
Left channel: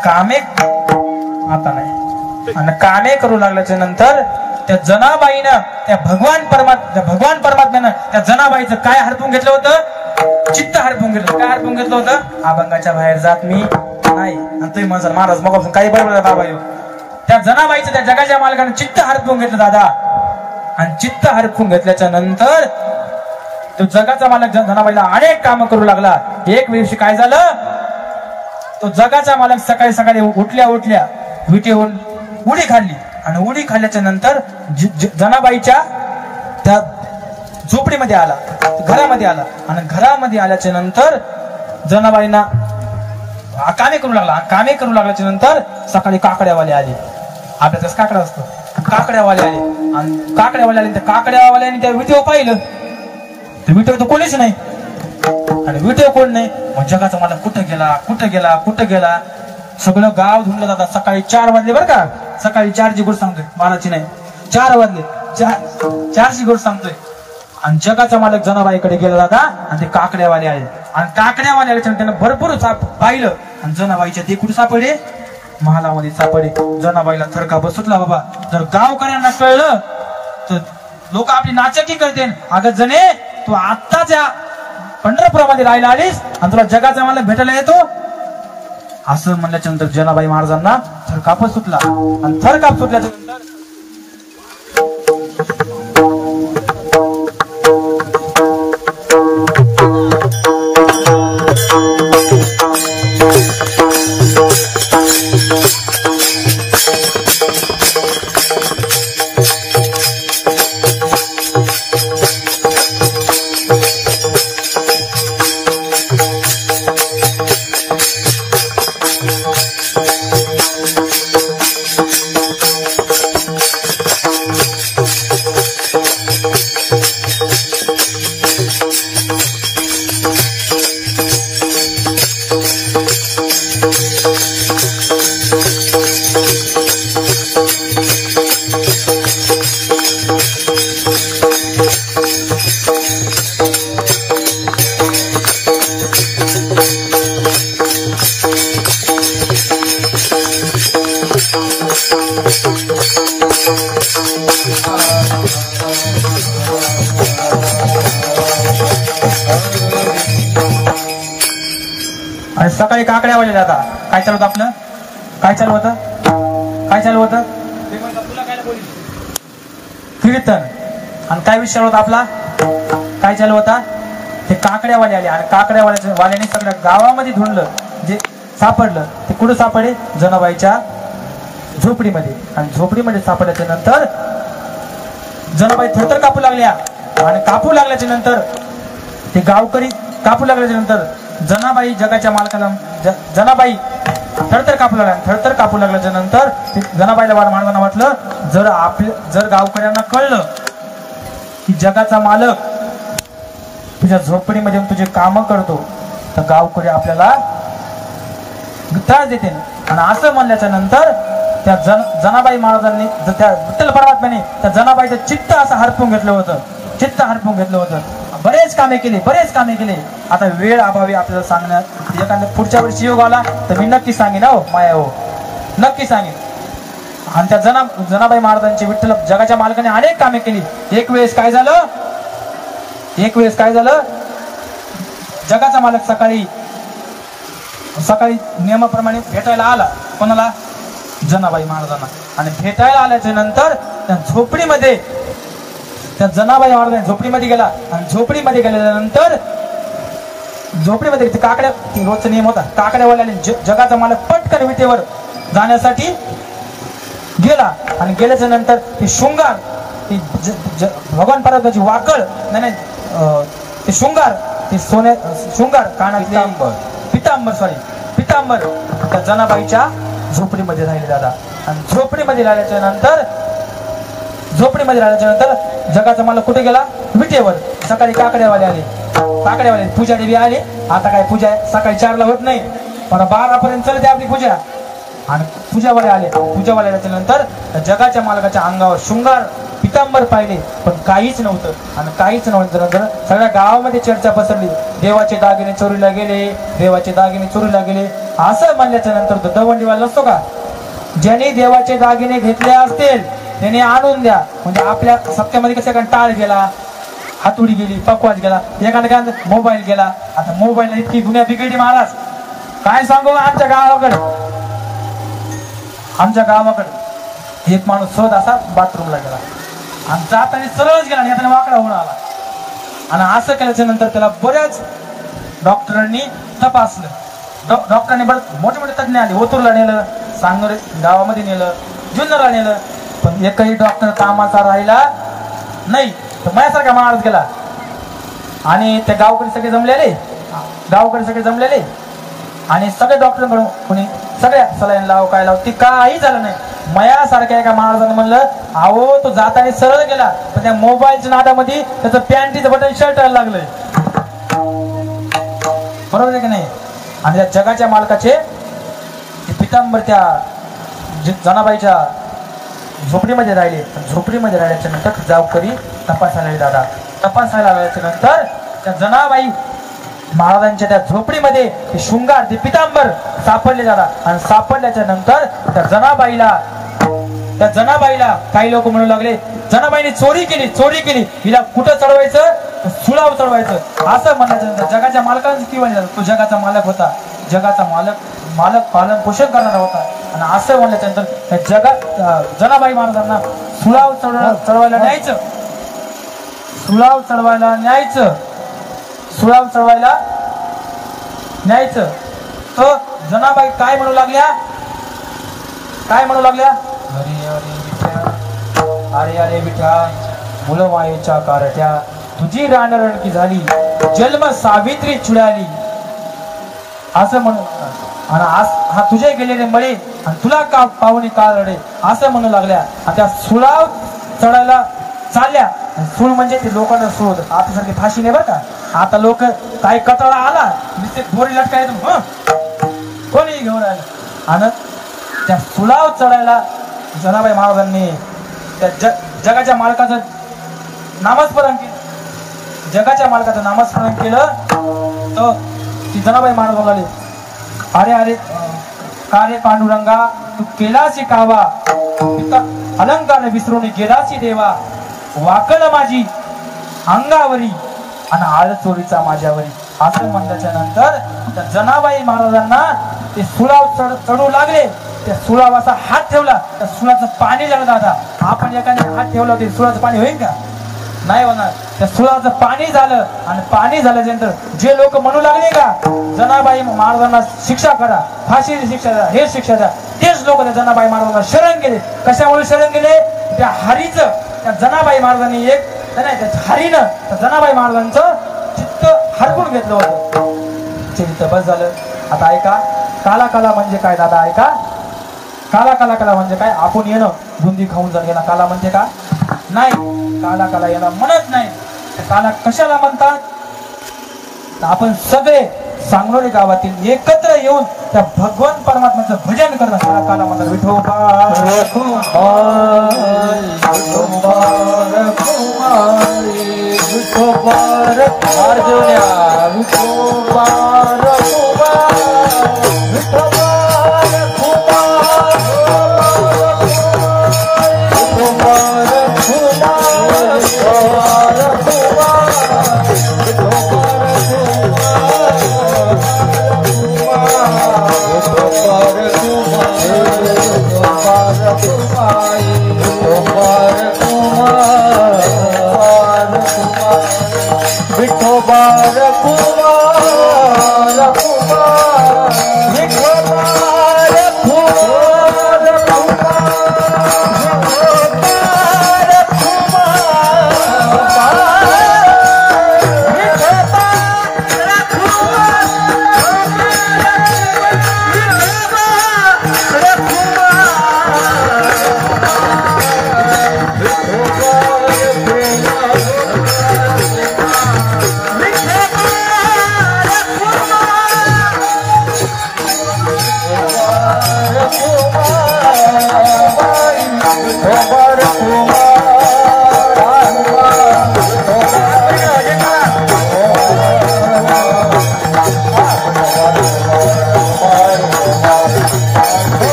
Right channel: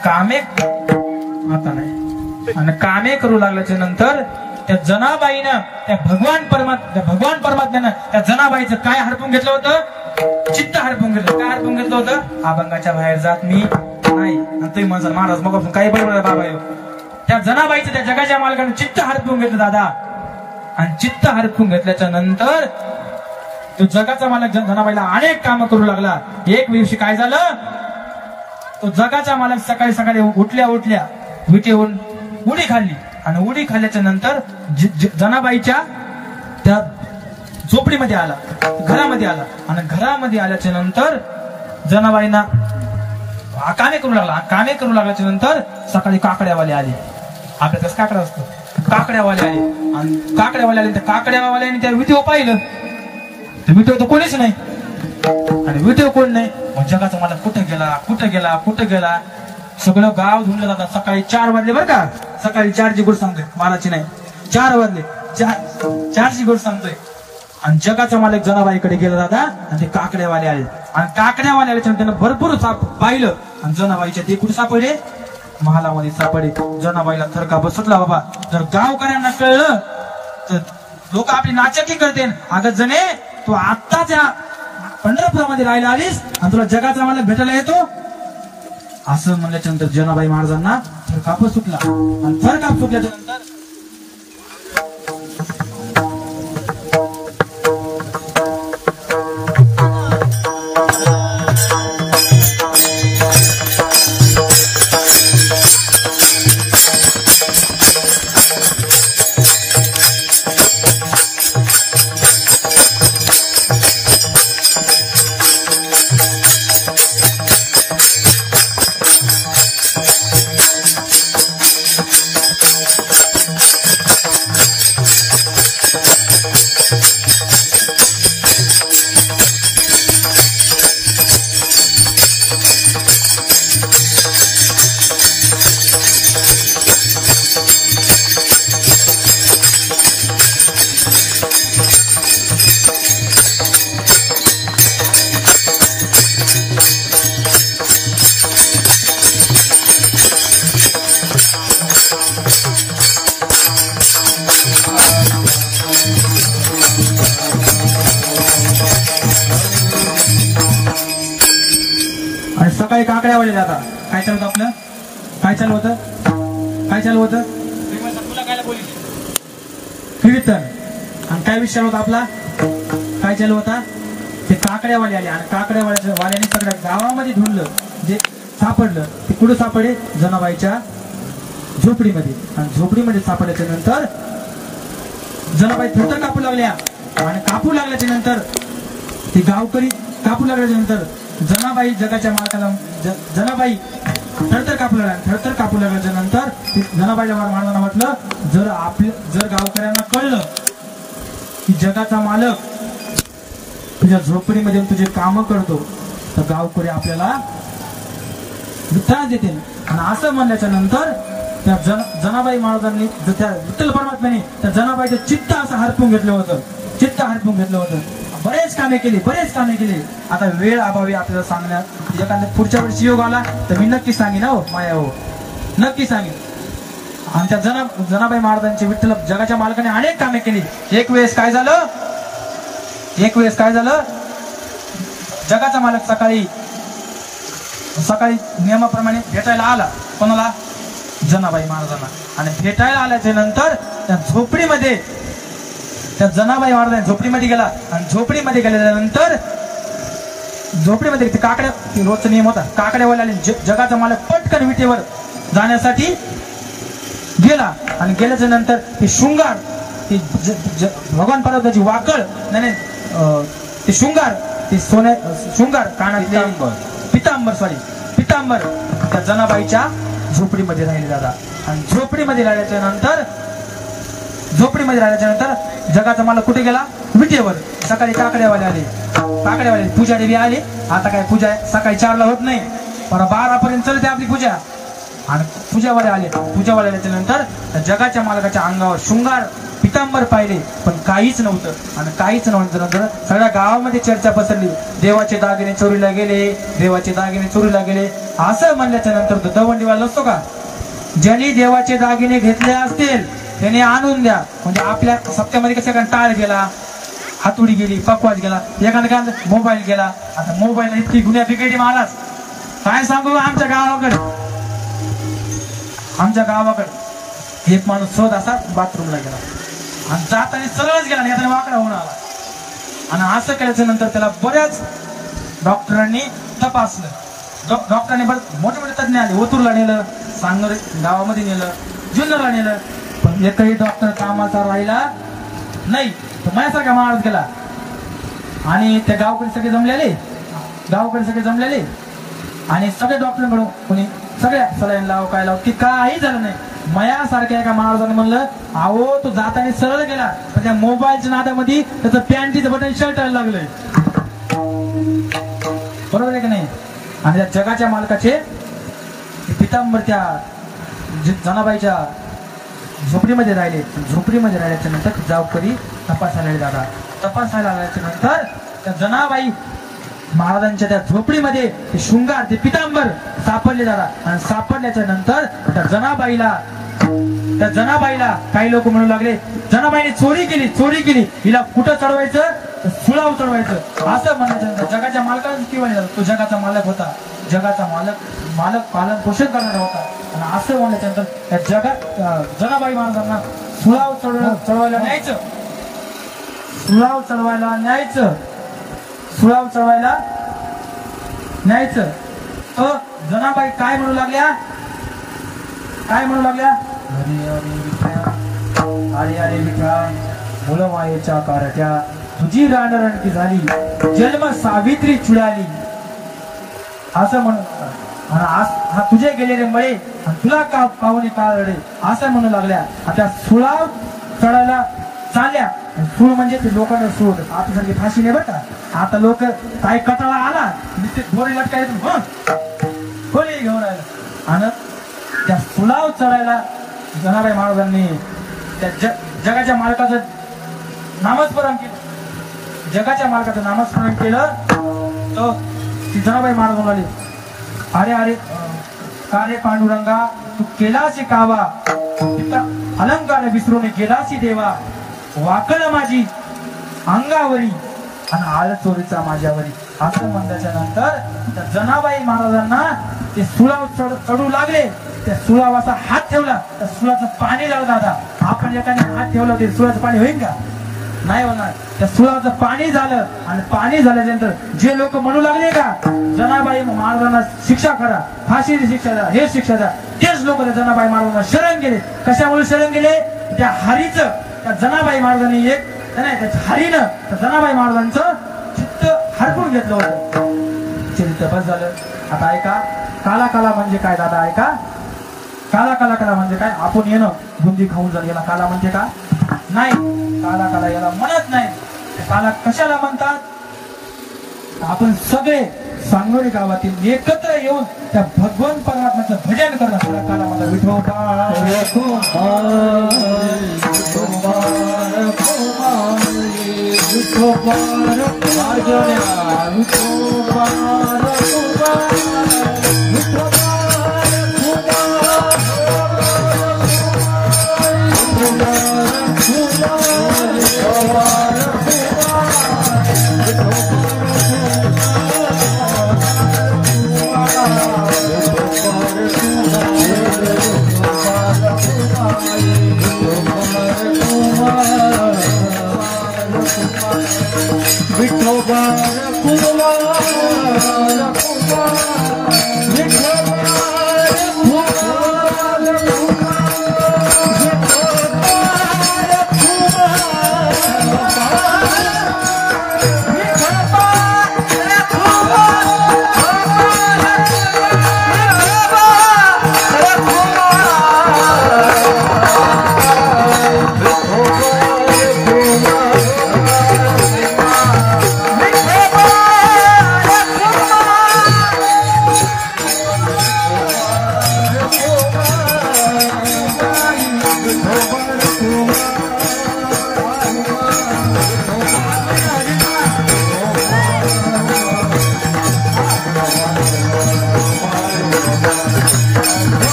कामे करू लागल्याच्या नंतर त्या जनाबाईनं त्या भगवान परमात्म्यानं त्या जनाबाईचं काय हरपून घेतलं होतं? चित्त हरपून घेतलं. काय हरपून घेतलं होतं? अभंगाच्या बाहेर जात मी नाही. आणि तुम्ही म्हणसाल महाराज मग काही बरोबर बाबा. त्या जनाबाईचं त्या जगाच्या मालकाने चित्त हरपून घेतलं दादा. आणि चित्त हरपून घेतल्याच्या नंतर तो जगाचा मालक जनाबाईला अनेक कामं करू लागला. एक दिवशी काय झालं? तो जगाचा मालक सकाळी उठल्या विटेहून उडी खाल्ली. आणि उडी खाल्ल्याच्या नंतर जनाबाईच्या त्या झोपडीमध्ये आला, घरामध्ये आला आणि घरामध्ये आल्याच्या नंतर जनाबाईंना कामे करू लागला. कामे करू लागल्याच्या नंतर सकाळी काकड्यावाले आले. आपल्याच काकडा असतो, काकड्यावाले आले आणि काकड्यावाले आले. त्या काकड्यावाल्याने त्या विटेव पाहिलं, विटेव तर कोणीच नाही आणि विटेव कोण नाही. मग जगाचा मला कुठं गेला सगळं गाव धुंडलं जातात. सकाळी 4 वाजले बरं का, सकाळी 4ची गोष्ट सांगतोय, बाराची नाही, 4 वाजले, 4ची गोष्ट सांगतोय. आणि जगाचा मालक जनाबाईकडे गेला दादा आणि ते काकड्यावाले आले आणि काकड्यावाले आल्याच्या त्यानं भरपूर पाहिलं आणि जनाबाईच्या ते कुठे सापडे, महालामध्ये सापडे. जनाबाईला थरका बसतला. बाबा जर गावकऱ्यांना कळलं तर लोक आपली नाचकी करते. अगं जने तू आत्ताच या पंढरपुरामध्ये राहायला आलीस आणि तुला जगाचा मालक भेटायला येतो असं म्हणल्याच्या नंतर जनाबाई महाराजांना थरकाप सुटला आणि थरकाप सुटल्याच्या नंतर आणि सकाळी काकड्यावाले दादा काय चालू होतं आपलं, काय चालू होतं कीर्तन. आणि काय विषय होता आपला, काय चालू होता, ते काकड्यावाले आले आणि काकड्यावाल्याने सगळ्या गावामध्ये ढूंढलं. जे सापडलं ते कुठं सापडे, जनाबाईच्या झोपडीमध्ये. आणि झोपडीमध्ये सापडल्याच्या नंतर जनाबाई थरथर कापू लागल्या आणि कापू लागल्याच्या नंतर ते गावकरी कापू लागल्याच्या नंतर जनाबाई जगाच्या मालकाला जनाबाई थरथर कापू लागल्या. थरथर कापू लागल्याच्या नंतर जनाबाईला महाराजांना वाटलं जर गावकऱ्यांना कळलं की जगाचा मालक तुझ्या झोपडीमध्ये तुझे काम करतो तर गावकरी आपल्याला त्रास देते. आणि असं म्हणल्याच्या नंतर त्या जनाबाई महाराजांनी त्या विठ्ठल परमात्म्याने त्या जनाबाईचं चित्त असं हरपून घेतलं होतं. बरेच कामे केले. आता वेळ अभावी आपल्याला सांगण्यात एखाद्या पुढच्या वर्षी योग आला तर मी नक्की सांगेन, हो माया, हो नक्की सांगेन. आणि त्या जनाबाई महाराजांची विठ्ठल जगाच्या मालकाने अनेक कामे केली. एक वेळेस काय झालं, जगाचा मालक सकाळी नियमाप्रमाणे भेटायला आला. कोणाला, जनाबाई महाराजांना. आणि भेटायला आल्याच्या नंतर त्या झोपडीमध्ये त्या जनाबाई महाराज झोपडीमध्ये गेला आणि झोपडीमध्ये गेल्यानंतर झोपडीमध्ये काकड्या रोजचा नियम होता, काकड्यावाल्याने जगाचा मालक पटकन विटेवर जाण्यासाठी गेला. आणि गेल्याच्या नंतर ती शृंगार, ती भगवान परमात्म्याची वाकळ, नाही ते शृंगार, ते शृंगार कानातले पितांबर त्या जनाबाईच्या झोपडीमध्ये राहिले दादा. आणि झोपडीमध्ये राहिल्याच्या नंतर जगाचा मालक कुठे गेला, विटेवर. सकाळी काकड्यावाले आले, पुजारी बी आले. आता काय पूजा सकाळी 4ला होत नाही, पण 12पर्यंत चालते आपली पूजा. आणि पूजावाले आल्याच्या नंतर जगाच्या मालकाच्या अंगावर शृंगार पितांबर पाहिले पण काहीच नव्हतं. आणि काहीच नव्हतं सगळ्या गावामध्ये चर्चा पसरली, देवाचे दागिने चोरीला गेले. असं म्हणल्याच्या नंतर दवंडीवाला नसतो का, ज्यांनी देवाचे दागिने घेतले असतील त्याने आणून द्या. म्हणजे आपल्या सप्त्यामध्ये कशा टाळ गेला, हातुडी गेली, पकवाज गेला, एखादा काय मोबाईल गेला. आता मोबाईल इतकी गुन्ह्या बिघडली महाराज, काय सांगू. आमच्या गावाकडे एक माणूस सहज असा बाथरूमला गेला आणि जाताना सरळच गेला, आणि वाकडा होऊन आला. आणि असं केल्याच्या नंतर त्याला बऱ्याच डॉक्टरांनी तपासलं. डॉक्टरांनी मोठे मोठे तज्ञ आले, ओतूरला नेलं, सांगोले गावामध्ये नेलं, जुन्नरला नेलं, पण एकही डॉक्टर कामाचा राहिला नाही. तर माझ्यासारखा महाराज गेला आणि त्या गावकडे सगळे जमलेले आणि सगळे डॉक्टर म्हणून कोणी सगळ्या सलाईन लाव काय लाव ती काही झालं नाही. मयासारख्या एका महाराजाने म्हणलं अहो तो जाताना सरळ गेला पण त्या मोबाईलच्या नादामध्ये त्याचं पॅन्टीचं बटन शर्टायला लागलंय. बरोबर आहे की नाही. आणि त्या जगाच्या मालकाचे पितांबर त्या जनाबाईच्या झोपडीमध्ये राहिल्याच्या नंतर गावकरी तपासायला दादा तपासायला आल्याच्या नंतर त्या जनाबाई महाराजांच्या त्या झोपडीमध्ये ते शृंगार ते पितांबर सापडले दादा. आणि सापडल्याच्या नंतर त्या जनाबाईला काही लोक म्हणू लागले जनाबाईने चोरी केली हिला कुठं चढवायचं सुळाव चढवायचं असं म्हणायचं. जगाच्या मालकाने किंवा तो जगाचा मालक होता. जगाचा मालक पालन पोषण करणारा होता. आणि असं म्हणल्याच्या नंतर जनाबाई महाराजांना सुळाव चढवायला न्यायचं तर जनाबाई काय म्हणू लागल्या अरे विठ्या मुलं मायेच्या कारट्या तुझी रानरणकी झाली जन्म सावित्री चुडाली असं म्हणू. आणि हा तुझे गेलेले मळे आणि तुला का पाहुणे का रडे असं म्हणू लागल्या. आता सुळाव चढायला चालल्या. सूळ म्हणजे ते लोकांना सूळ होत आता सारखी फाशी नाही बरं का. आता लोक काही कचरा आला दोरी लटकाय कोणी घेऊन राहिलं. आणि त्या सुळाव चढायला जनाबाई महाराजांनी त्या जगाच्या मालकाचं नामस्मरण केलं. तर ती जनाबाई महाराज म्हणाली अरे का रे पांडुरंगा तू केलासी कावा अलंकार विसरून गेलासी देवा वाकड माझी अंगावरी आणि आळ चोरीचा माझ्यावरी असं म्हणल्याच्या नंतर त्या जनाबाई महाराजांना ते सुळाव चढू लागले. त्या सुळावाचा हात ठेवला त्या सुळाचं पाणी झालं दादा. आपण एकाने हात ठेवला ते सुळाचं पाणी होईल का नाही होणार. त्या सुळाचं पाणी झालं आणि पाणी झाल्यानंतर जे लोक म्हणू लागले का जनाबाई महाराजांना शिक्षा करा फाशीची शिक्षा द्या हे शिक्षा द्या तेच लोक त्या जनाबाई महाराजांना शरण गेले. कशामुळे शरण गेले त्या हरीचं त्या जनाबाई महाराजांनी त्या हरीनं त्या जनाबाई महाराजांचं चित्त हरपून घेतलं होतं. चित्त बस झालं. आता ऐका काला म्हणजे काय दादा ऐका काला म्हणजे काय. आपण येणं बुंदी खाऊन जर गेला काला म्हणते का नाही. काला याला म्हणत नाही. काला कशाला म्हणतात. आपण सगळे सांगलोरी गावातील एकत्र येऊन त्या भगवान परमात्म्याचं भजन करतात. काला म्हणतात विठोबा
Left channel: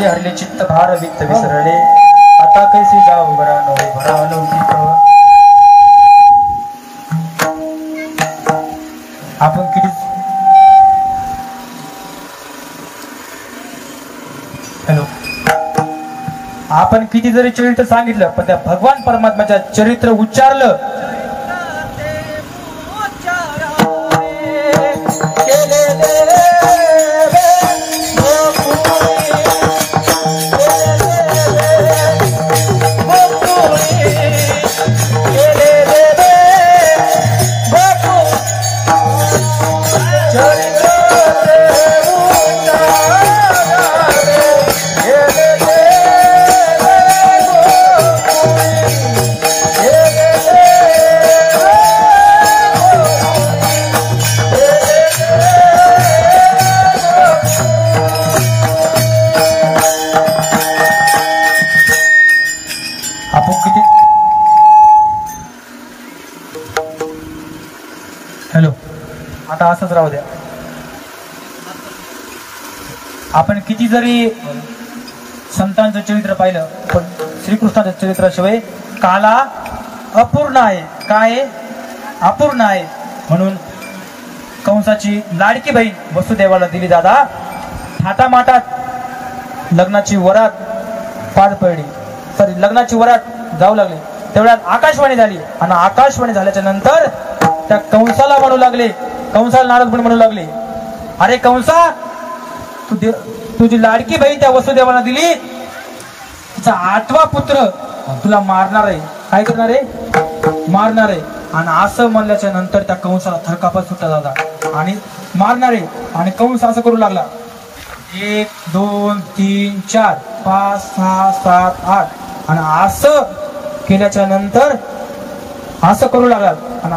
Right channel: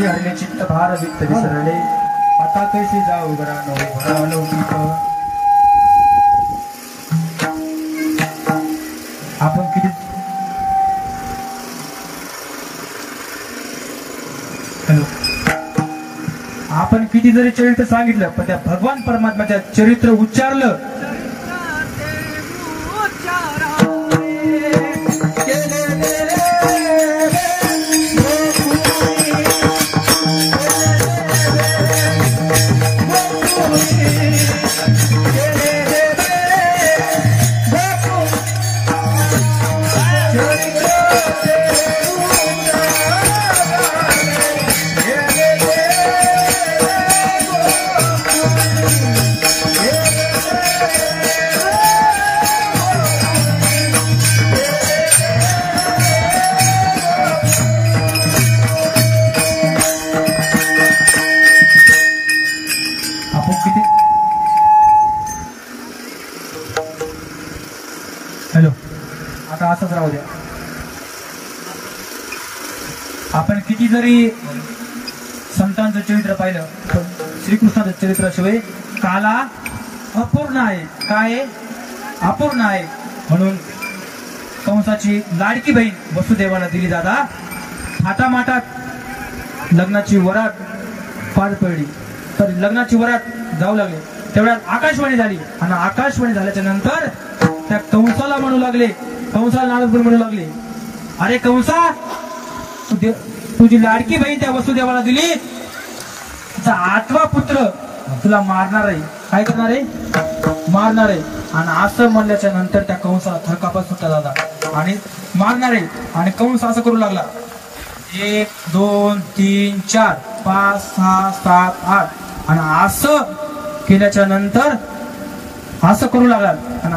हरले चित्त भार वित्त विसरले आता कैसी जाऊ भरावनो आपण किती आपण किती जरी चरित्र सांगितलं पण त्या भगवान परमात्म्याच्या चरित्र उच्चारलं केले जरी संतांचं चरित्र पाहिलं पण श्रीकृष्णाचं चरित्राशिवाय काला अपूर्ण आहे. काय अपूर्ण आहे. म्हणून कंसाची लाडकी बहीण वसुदेवाला दिली दादा. थाटामाटात लग्नाची वरात पार पडली. तरी लग्नाची वरात जाऊ लागली तेवढ्यात आकाशवाणी झाली आणि आकाशवाणी झाल्याच्या नंतर त्या कंसाला म्हणू लागले, कंसाला नारद म्हणू लागले, अरे कंसा तुझी लाडकी बहीण त्या वसुदेवाला दिली, तुझा 8वा पुत्र तुला मारणार आहे. काय करणार आहे? मारणार आहे. आणि असं म्हणल्याच्या नंतर त्या कंसाला थरकापा सुटला दादा आणि मारणार आहे. आणि कंस असं करू लागला 1 2 3 4 5 6 7 8 आणि असं केल्याच्या नंतर असं करू लागला आणि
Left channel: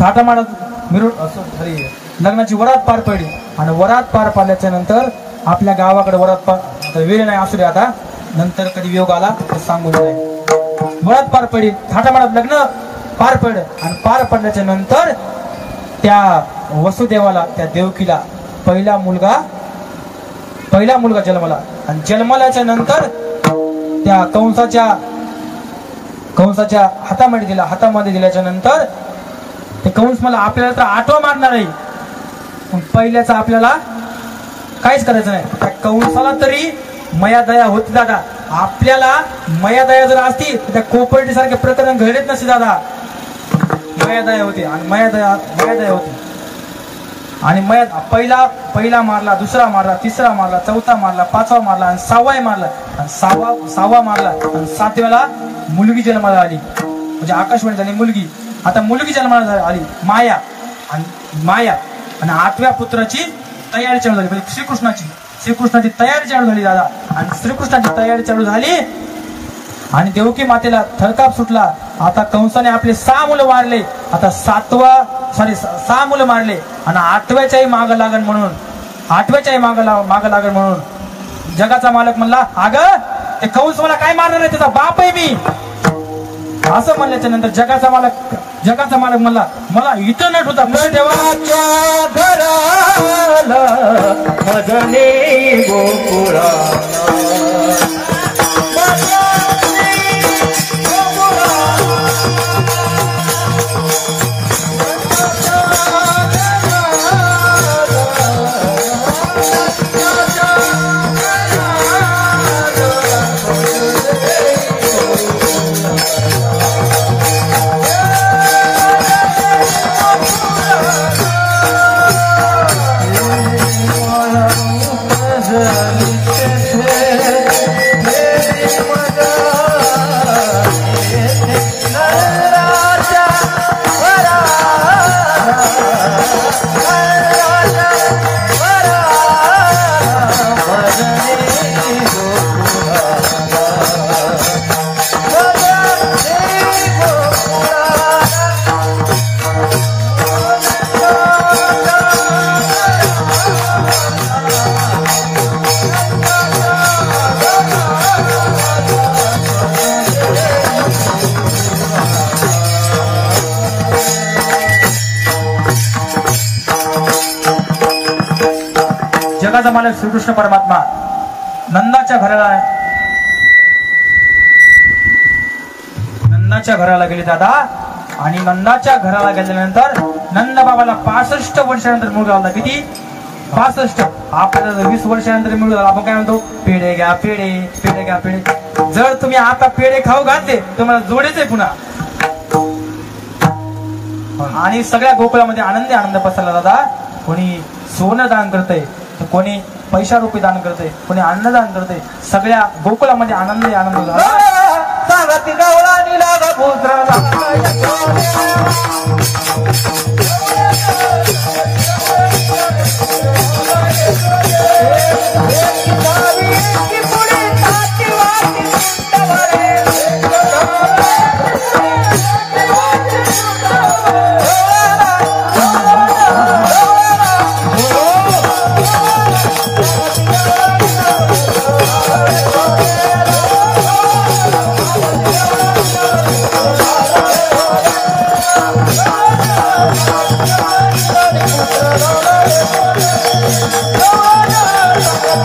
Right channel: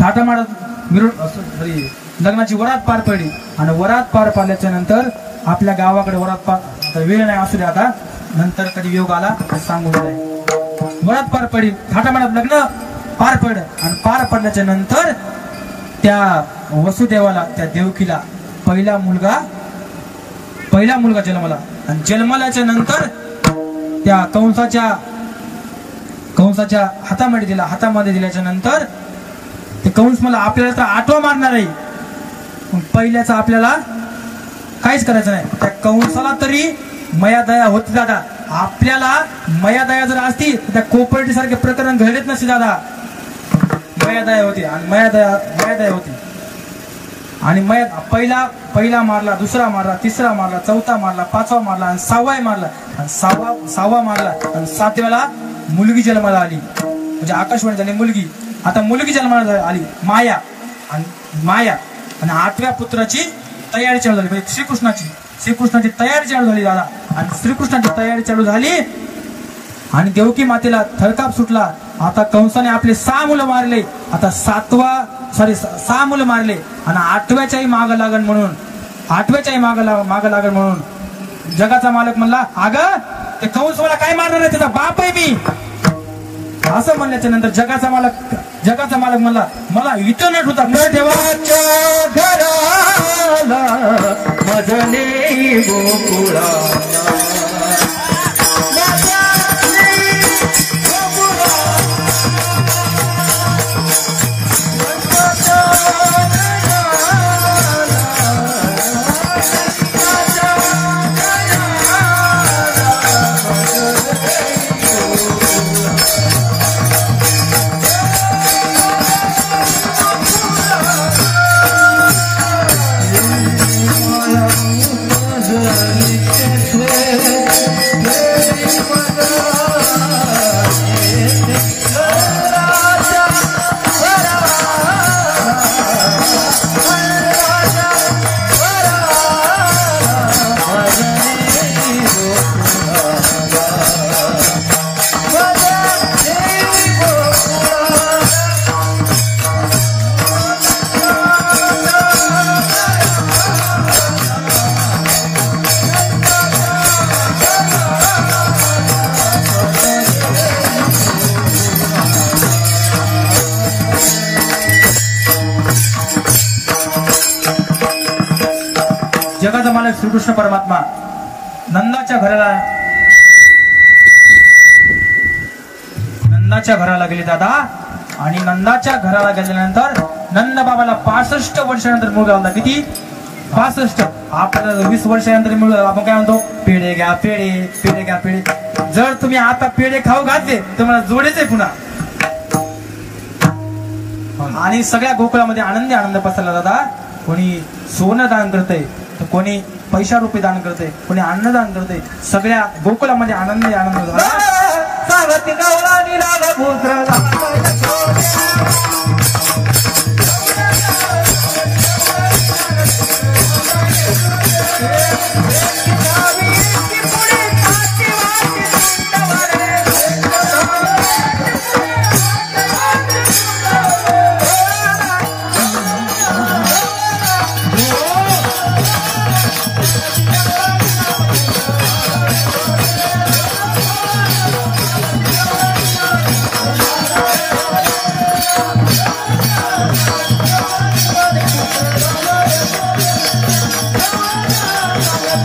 थाटामाटात मिळून असं लग्नाची वरात पार पडली. आणि वरात पार पाडल्याच्या नंतर आपल्या गावाकडे वरात पार वेळ नाही असू दे आता नंतर कधी योग आला सांगू नये. वरात पार पडली थाटामाटात लग्न पार पड आणि पार पडल्याच्या नंतर त्या वसुदेवाला त्या देवकीला पहिला मुलगा जन्मला. आणि जन्मल्याच्या नंतर त्या कंसाच्या हातामध्ये दिल्याच्या नंतर ते कंस मला आपल्याला तर 8वा मारणार आहे पण पहिल्याचा आपल्याला काहीच करायचं नाही. त्या कंसाला तरी मयादया होती दादा. आपल्याला मयादया जर असती त्या कोपर्टी सारखे प्रकरण घडत नसते दादा. मयादया होती आणि मयादया होती आणि पहिला मारला, दुसरा मारला, तिसरा मारला, चौथा मारला, 5वा मारला आणि 6वा मारला आणि 6वा मारला आणि 7व्याला मुलगी जन्माला आली. म्हणजे आकाशवाणी झाली मुलगी. आता मुलगी जन्माला आली माया आणि 8व्या पुत्राची तयारी चालू झाली. म्हणजे श्रीकृष्णाची तयारी चालू झाली दादा. आणि श्रीकृष्णाची तयारी चालू झाली आणि देवकी मातेला थरकाप सुटला. आता कंसाने आपले 6 मुलं मारले. आता 6 मुलं मारले आणि 8व्याच्याही माग लागण म्हणून जगाचा मालक म्हणला, अगं ते कंस मला काय मारणार आहे, त्याचा बाप आहे मी. असं म्हणल्याच्या नंतर जगाचा मालक म्हणला, मला इथं नट होता देवाच्या घराला मजले गोकुळा जगाचा मालक श्रीकृष्ण परमात्मा नंदाच्या घराला गेले दादा. आणि नंदाच्या घराला गेल्यानंतर नंद बाबाला 65 वर्षानंतर मुलगा आला. किती? 65. आपल्याला 20 वर्षानंतर मिळून आपण काय म्हणतो, पेढे घ्या पेढे. जर तुम्ही आता पेढे खाऊ घातले तर मला जोडेच पुन्हा. आणि सगळ्या गोकुळामध्ये आनंद पसरला दादा. कोणी सोनं दान करतंय तर कोणी पैसा रुपये दान करते, कोणी अन्नदान करते. सगळ्या गोकुळामध्ये आनंद झाला.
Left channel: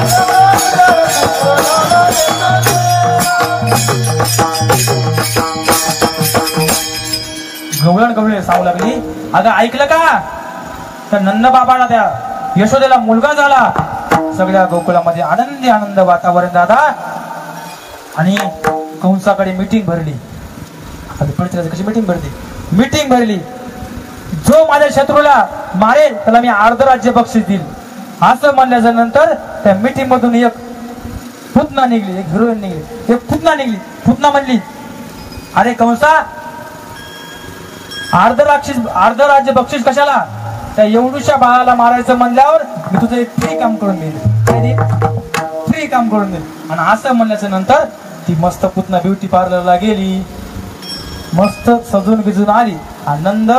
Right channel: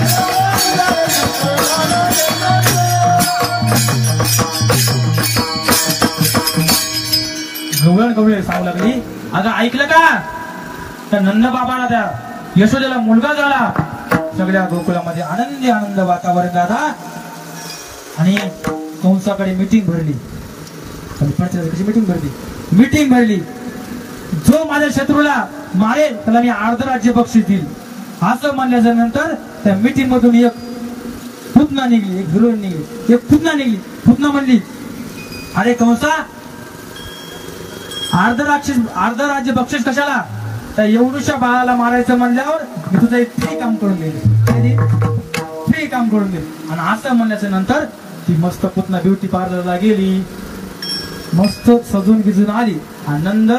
Oh, गवळण गवळे सांगू लागली, अगं ऐकलं का, त्या नंद बाबाला त्या यशोदेला मुलगा झाला. सगळ्या गोकुळामध्ये आनंदी आनंद वातावरण झाला. आणि कंसाकडे मीटिंग भरली. कशी मीटिंग भरली, जो माझ्या शत्रूला मारेल त्याला मी अर्ध राज्य बक्षीस देईल असं म्हणल्याच्या नंतर त्या मीटिंग मधून एक पुतना निघली, एक हिरोईन निघली, एक पुतना निघली. पुतना म्हणली, अरे कंसा, अर्ध राज्य बक्षीस कशाला, त्या एवढूशा बाळाला मारायचं म्हणल्यावर मी तुझं एक फ्री काम करून गेले, फ्री काम करून गेले. आणि असं म्हणल्याच्या नंतर ती मस्त पुतना ब्युटी पार्लरला गेली, मस्त सजून बिजून आली. आनंद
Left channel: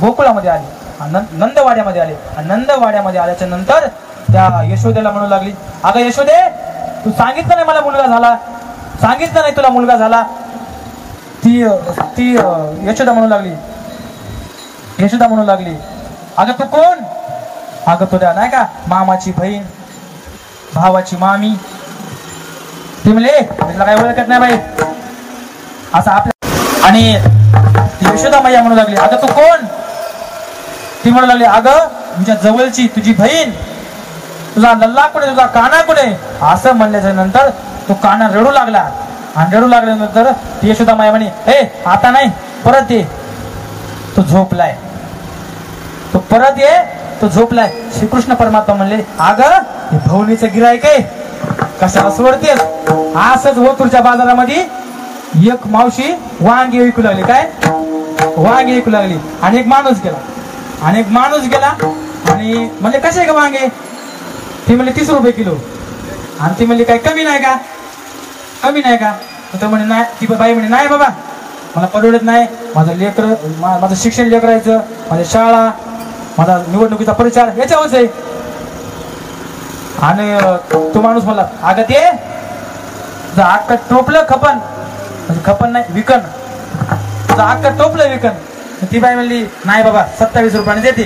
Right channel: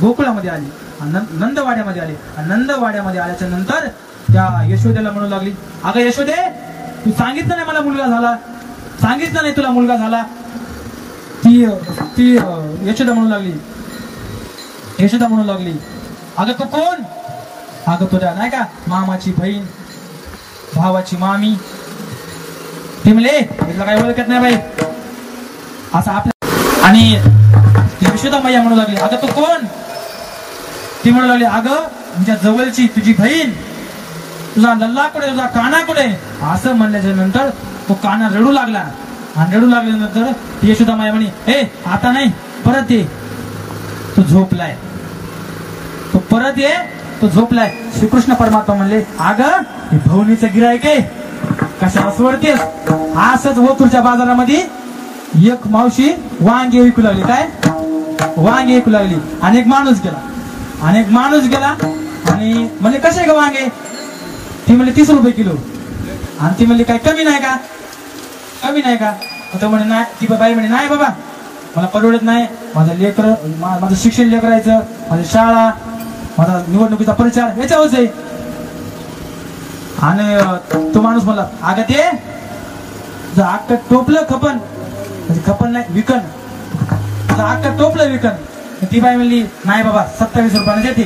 गोकुळामध्ये आली, नंदवाड्यामध्ये आले. नंदवाड्यामध्ये आल्याच्या नंतर त्या यशोदेला म्हणू लागली, अगं यशोदे, तू सांगितलं नाही मला मुलगा झाला, सांगितलं नाही तुला मुलगा झाला. ती यशोदा म्हणू लागली, अगं तू कोण, अगं तुझ्या नाही का मामाची बहीण, भावाची मामी. ती म्हणले, तुला काही ओळखत नाही बाई असं आपल्या. आणि यशोदा मैया म्हणू लागली, अगं तू कोण, ती म्हणू लागली, अगं तुझ्या जवळची तुझी बहीण, तुझा लल्ला कुठे, तुझा काना कुठे असं म्हणल्याच्या नंतर तो काना रडू लागला. आणि रडू लागल्यानंतर यशोदा माया म्हणे, हे आता नाही, परत ये, तो झोपलाय, तो परत ये, तो झोपलाय. श्रीकृष्ण परमात्मा म्हणले, अगं भवनीचं गिरायक आहे, कशाला सोडतेस. असंच ओतूरच्या बाजारामध्ये एक मावशी वांगी विकू लागली, काय वांगी विकू लागली. आणि एक माणूस गेला आणि म्हणले, कसे का वांगे, ती म्हणले 30 रुपये किलो. आणि ती म्हणली, काय कमी नाही का, तर म्हणे नाही. ती बाई म्हणे, नाही बाबा मला परवडत नाही, माझं लेकर, माझं शिक्षण लेकरायचं, माझी शाळा, माझा निवडणुकीचा प्रचार याच्यावरच आहे. आणि तो माणूस म्हणला, अगं ते तुझं अख्खं टोपलं खपन, म्हणजे खपन नाही विकन, तुझं अख्खं टोपलं विकन. ती बाई म्हणली, नाही बाबा 27 रुपयाने देते.